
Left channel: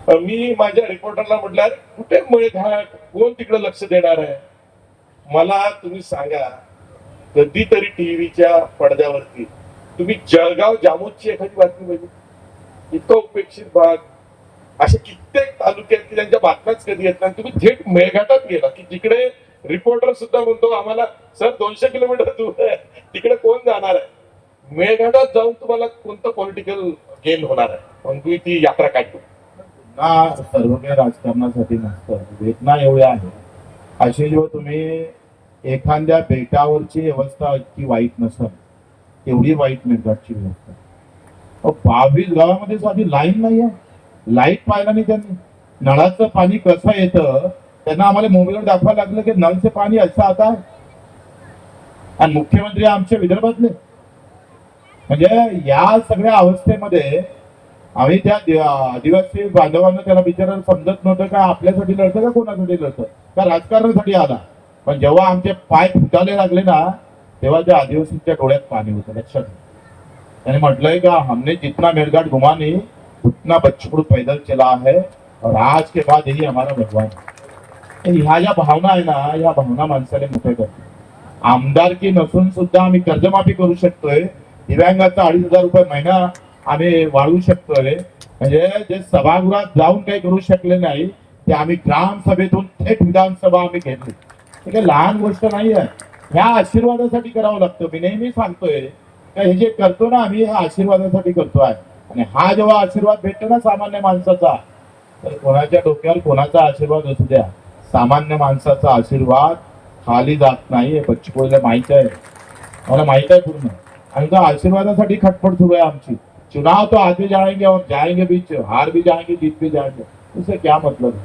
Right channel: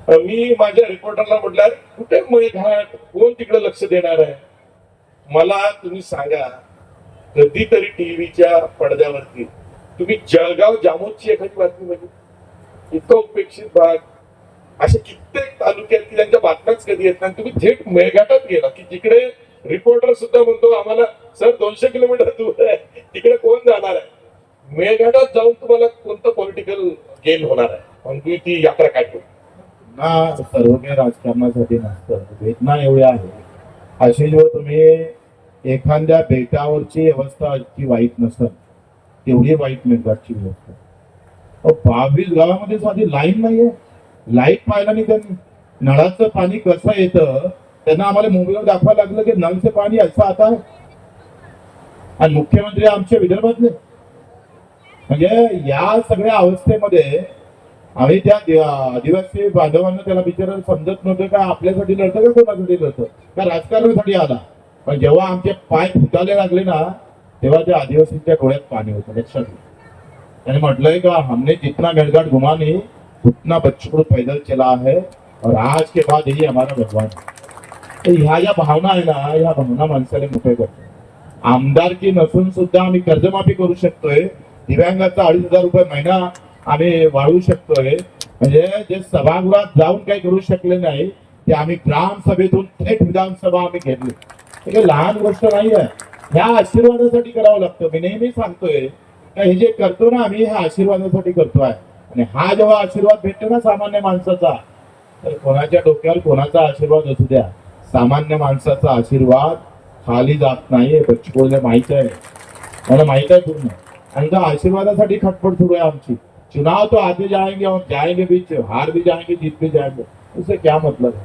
मी माझ्या रिपोर्टरला म्हटलं कुठे मेळघाट, कोण तिकडे लक्ष देणार आहे, मला तुम्ही सांगा. कधीतरी टीव्हीच्या पडद्यावरती तुम्ही जळगाव जामोदची एखादी बातमी बघितली? इतकं उपेक्षित भाग, असे कित्येक तालुक्यात त्यांच्या बातम्याच कधी येत नाही. तुम्ही थेट मेळघाटात गेला की जिकडे रिपोर्टर सुद्धा म्हणतो आम्हाला सर 200 किलोमीटर दूर आहे, तिकडे कोण जाणार आहे. मेळघाटात जाऊन तुम्हाला कोणतं पॉलिटिकल गेन होणार आहे, पण तुम्ही ती यात्रा काढली ना. सर्व काही राजकारणासाठी नसतं, वेदना एवढ्या आहे. अशी जेव्हा तुम्ही एखाद्या बेटावरची अवस्था इतकी वाईट नसेल, तेवढी वाईट मेळघाटची व्यवस्था. 22 गावामध्ये साधी लाईन नाहीये, लाईट पाहिला नाही त्यांनी. नळाचं पाणी कसं येतं त्यांना आम्हाला मोबाईलवर दाखवायला लागलं की नळचं पाणी असं आता. आणि मुख्यमंत्री आमच्या विदर्भातले. म्हणजे या सगळ्या अवस्थेमध्ये आम्ही त्या आदिवासी बांधवांना त्याला बिचारायला समजत नव्हतं का आपल्यासाठी लढतं का कोणासाठी लढतं का राजकारणासाठी आला. पण जेव्हा आमचे पाय फुटायला लागले ना तेव्हा त्या आदिवासींच्या डोळ्यात पाणी होतं. लक्षात घ्या. त्याने म्हटलंय का हमने जितना मेड़घाट घुमा नहीं उतना बच्चू पैदल चला है और आज के बाद यही हमारा भगवान है. तर ह्या ज्या भावना आहे ना ह्या भावना माणसाला मोठे करतात. आमदारकी नसून सुद्धा आम्ही कर्जमाफी करू शकतोय. दिव्यांगाचा 2,500 रुपये महिना आम्ही वाढवू शकतोय. म्हणजे जे सभागृहात जाऊन काही करू शकले नाही ते आम्ही ग्रामसभेतून थेट विधानसभा आम्ही घेतली. हे काही लहान गोष्ट नाही आहे. ह्या आशीर्वादासाठी करावं लागतं. मी नेहमी सांगतोय का हे जे करतो ना आम्ही ह्या आशीर्वादासाठी करतोय. आणि हा जेव्हा आशीर्वाद भेटतो ना सामान्य माणसाचा तर कोणाच्या डोक्यावर कोणाचा आशीर्वाद असू द्या सामान्य माणसाचा आशीर्वाद खाली जात नाही. हे बच्चूला माहित आहे. मला माहित आहे पूर्ण. आणि त्या आशीर्वादासाठी खटपट सुरू आहे आमची. चुनाव तो आते जाएंगे और जाएंगे भी, हार भी जाएंगे जीत भी जाएंगे. उससे क्या मतलब है.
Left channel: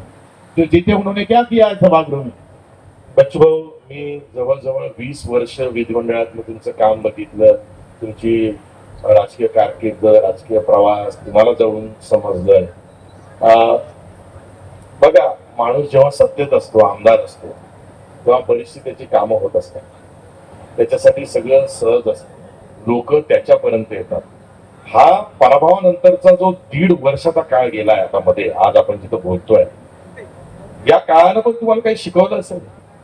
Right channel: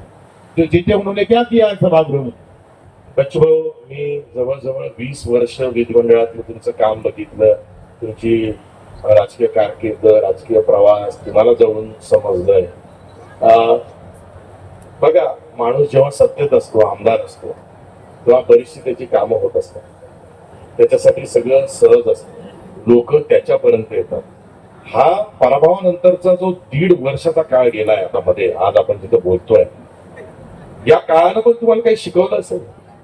जो जीते उन्होंने क्या किया है सभागृह में. बच्चू भाऊ, मी जवळजवळ 20 वर्ष विधिमंडळातलं तुमचं काम बघितलं. तुमची राजकीय कारकीर्द, राजकीय प्रवास तुम्हाला जवळून समजलंय. बघा, माणूस जेव्हा सत्तेत असतो, आमदार असतो, तेव्हा बरीचशी त्याची कामं होत असतात. त्याच्यासाठी सगळं सहज असतं. लोक त्याच्यापर्यंत येतात. हा पराभवानंतरचा जो 1.5 वर्षाचा काळ गेलाय आता मध्ये, आज आपण जिथं बोलतोय, या काळानं पण तुम्हाला काही शिकवलं असेल.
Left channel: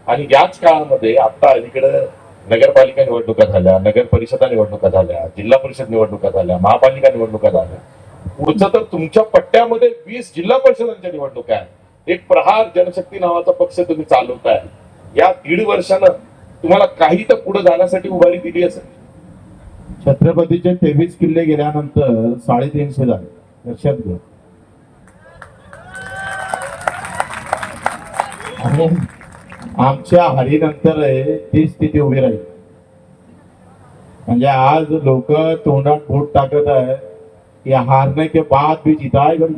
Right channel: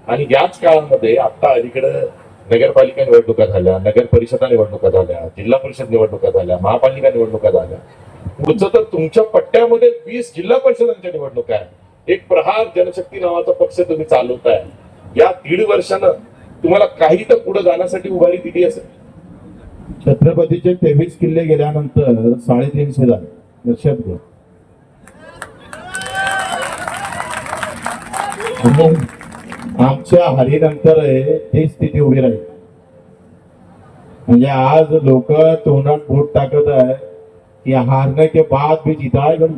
आणि याच काळामध्ये आता अलीकडे नगरपालिका निवडणुका झाल्या, नगर परिषदा निवडणुका झाल्या, जिल्हा परिषद निवडणुका झाल्या, महापालिका निवडणुका झाल्या. पुढचं तर तुमच्या पट्ट्यामध्ये 20 जिल्हा परिषदांच्या निवडणुका आहे. एक प्रहार जनशक्ती नावाचा पक्ष तुम्ही चालवताय. या 1.5 वर्षानं तुम्हाला काही तर पुढे जाण्यासाठी उभारी दिली असेल. छत्रपतीचे 23 किल्ले गेल्यानंतर 350 झाले. लक्षात घ्या. आणि आमच्या हारीनंतर ती स्थिती उभी राहील. म्हणजे आज लोक तोंडात बोट टाकत आहे की हारने के बाद भी जीता है गण.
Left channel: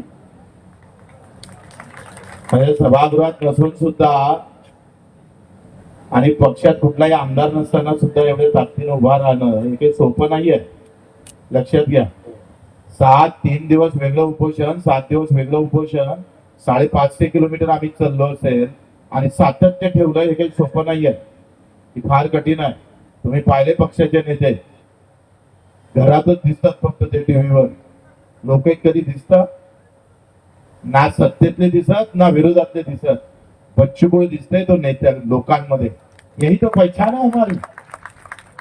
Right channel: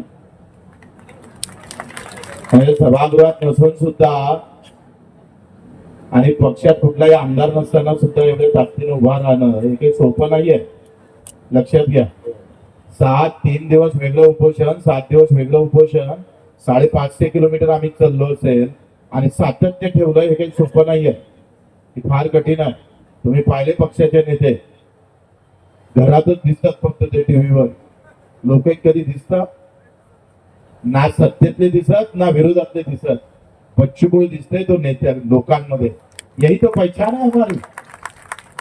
म्हणजे सभागृहात नसून सुद्धा आणि पक्षात कुठलाही आमदार नसताना सुद्धा एवढे ताकदीने उभा राहणं हे काही सोपं नाहीये. लक्षात घ्या. 3 दिवस वेगळं उपोषण, 7 दिवस वेगळं उपोषण, 550 किलोमीटर आम्ही चाललो असेल आणि सातत्य ठेवलं हे काही सोपं नाहीये. हे फार कठीण आहे. तुम्ही पाहिले पक्षाचे नेते घरातच दिसतात फक्त ते टीव्हीवर. लोक कधी दिसतात ना सत्तेतले दिसत ना विरोधातले दिसत. बच्चू कडू दिसतंय तो नेत्या लोकांमध्ये. यही तो पहचान आहे हमारी.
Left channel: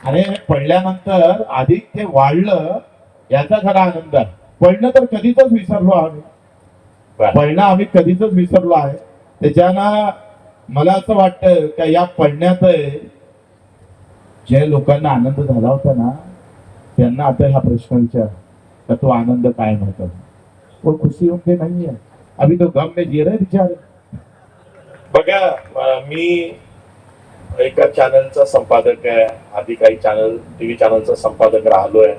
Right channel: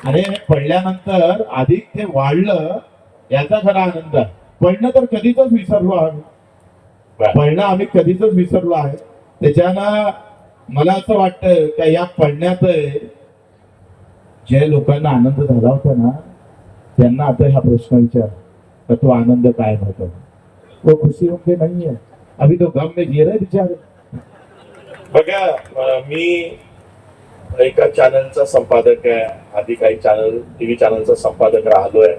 आणि पडल्यानंतर अधिक ते वाढलं याचा खरा आनंद आहे. पडणं तर कधीच विसरलो आहे. पडणं आम्ही कधीच विसरलो आहे. त्याच्यानं मला असं वाटतं की या पडण्यात जे लोकांना आनंद झाला होता ना त्यांना आता हा प्रश्न विचार का तो आनंद काय म्हणतो. वो खुशी उनके नहीं है. अभी तो गम में जी रहे बेचारे. बघा, मी एका चॅनलचा संपादक आहे. आधी काही टीव्ही चॅनलचा संपादक राहिलोय.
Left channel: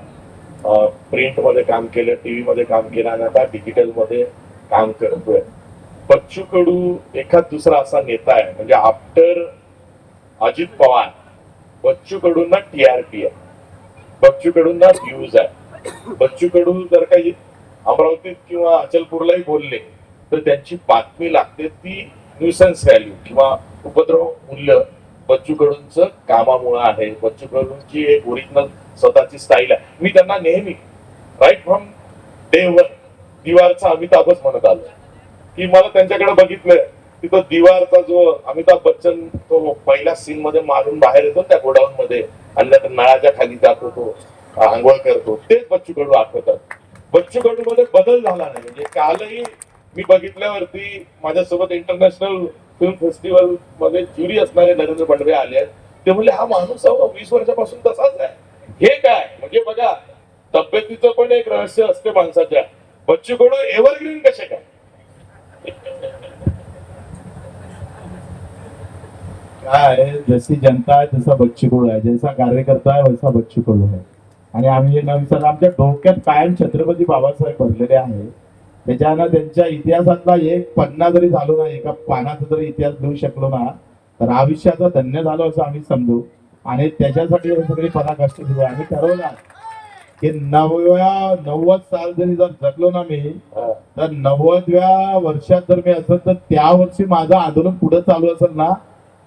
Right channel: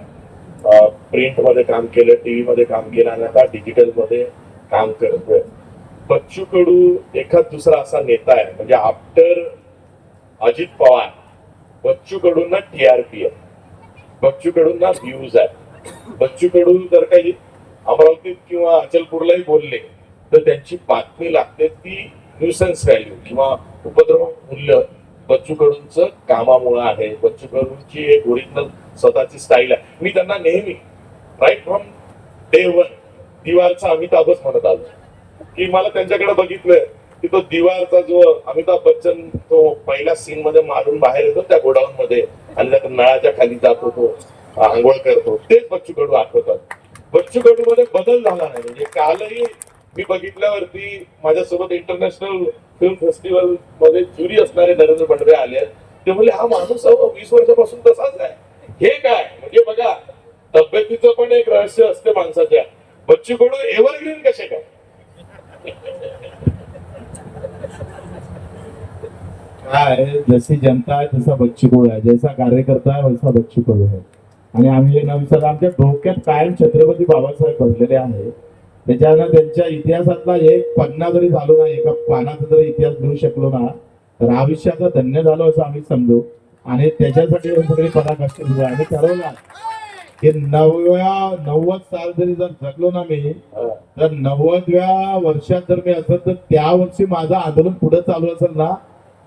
प्रिंट मध्ये काम केलं, टीव्ही मध्ये काम केलं आणि आता डिजिटल मध्ये काम करतोय. बच्चू कडू एखाद दुसरा असा नेता आहे म्हणजे आफ्टर अजित पवार बच्चू कडूंना टीआरपी आहे, बच्चू कडूंना व्ह्यूज आहे. बच्चू कडू जर काही अमरावतीत किंवा अचलपूरलाही बोलले तर त्यांची बातमी लागते ती न्यूसन्स व्हॅल्यू किंवा उपद्रव मूल्य बच्चू कडूंचं कामामुळे आहे. बच्चू कडूंची एक ओरिजिनल स्वतःची स्टाईल आहे. मी त्यांना नेहमी राईट फ्रॉम डे 1 दिवारचा अमिताभच म्हणत आलो की मला त्यांच्याकडे बघितलं की तो दिवारचा जो अमिताभ बच्चन तो पहिल्या सीन मध्ये मारून बाहेर येतो त्या गोडाऊन मध्ये आणि त्या नळाच्या खाली जातो, तो आंघोळ करतो, तेच बच्चू कडू आठवतात. बच्चू कडू मध्ये बदल झाला नाही. म्हणजे कालही मी बघितल्यावरती माझ्यासोबत इंटरनॅशनल फिल्म फेस्टिवल मध्ये ज्युरी असणारे नरेंद्र बंडवे आले आहेत. ते म्हणजे हा माणूस 20 वर्षापासून तसाच आहे. हे काय म्हणजे बघा, तब्येतीचं पण एक रहस्य असते माणसाच्या. बच्चू कडू एव्हरग्रीन कसे काय. काय जशी जनता आहे तसा बच्चू कडू आहे, जैसा कार्यकर्ता आहे वैसा बच्चू कडू आहे. आणि आम्ही नवीन आमच्या डोक्यात कायम छत्रपती बाबासाहेब भरलेले आहे. त्याच्यानं त्यांच्या इतिहासातला एक पन्ना जरी झालो ना, एका पानाचा जरी इतिहास लिहू शकलो ना तर आयुष्याचा धन्य झालो असं आम्ही समजू. आणि त्याच्यासाठी हे सगळे पराकाष्ठ लिहू. आम्ही ठरवलं की 90 साल जरी जर जगलो ना मी, हा. तर 90व्या वर्षात जर मी असेल तर त्या वर्षी माझं आंदोलन पुढे चालू असेल ना,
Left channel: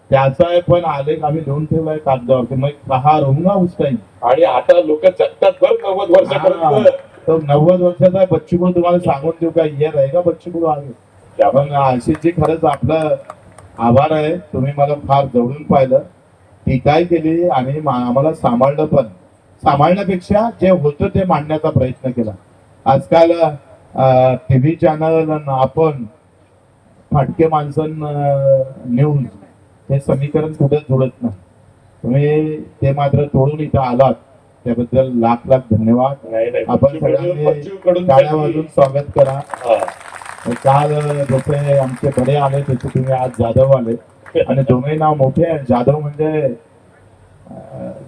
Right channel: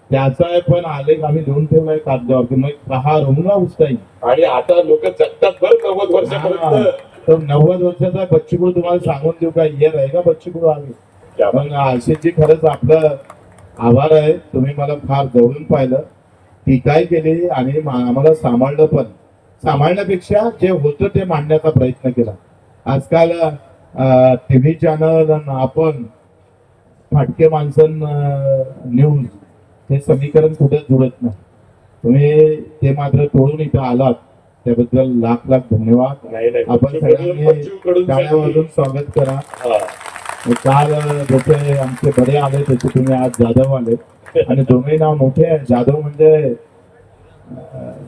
त्याचा पण आलेख आम्ही लिहून ठेवलाय कागदावरती. मग कहा रहूंगा उस टाइम. आणि आता लोक जगतात बरं 90 वर्षापर्यंत. तो 90 वर्षाचा बच्चू कडू तुम्हाला सांगून देऊ का, ये रहेगा बच्चू कडू आगे. क्या बात. पण आशिषजी खरंच आपलं आभार आहे, तुम्ही मला फार जवळून पाहिलं, टीकाही केली आणि आम्हाला सांभाळलं पण. सांभाळण्यापेक्षा जे होतं ते मांडण्याचा प्रयत्न केला. आजकाल टीव्ही चॅनल आपण फाटके माणसं न्यूज हे समीकरण कुठे जुळत नाही. तुम्ही ते मात्र तोडून इथं आलात, त्याबद्दल लाख लाख धन्यवाद. नाही नाही आपण बच्चू कडू- सगळ्यांनी बच्चू कडूंसाठी- टाळ्या वाजवून स्वागत करा. हा. काल जसे आमचे बडे आले तसे तुम्ही आज जाधव आले, आणि दोन्ही नाव मोठे आहे. जाधव म्हणजे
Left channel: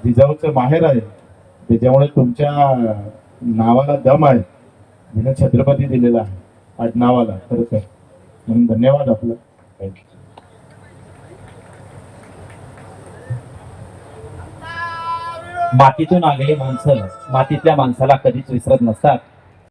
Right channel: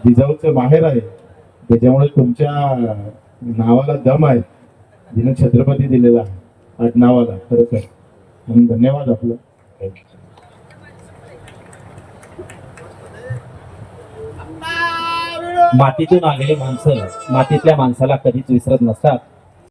जिजाऊचं माहेर आहे, त्याच्यामुळे तुमच्या नावाला दम आहे, जिने छत्रपती दिलेला आहे आडनावाला. खरंच आहे, म्हणून धन्यवाद आपलं. Thank you. मातीतून आलेली माणसं मातीतल्या माणसाला कधीच विसरत नसतात.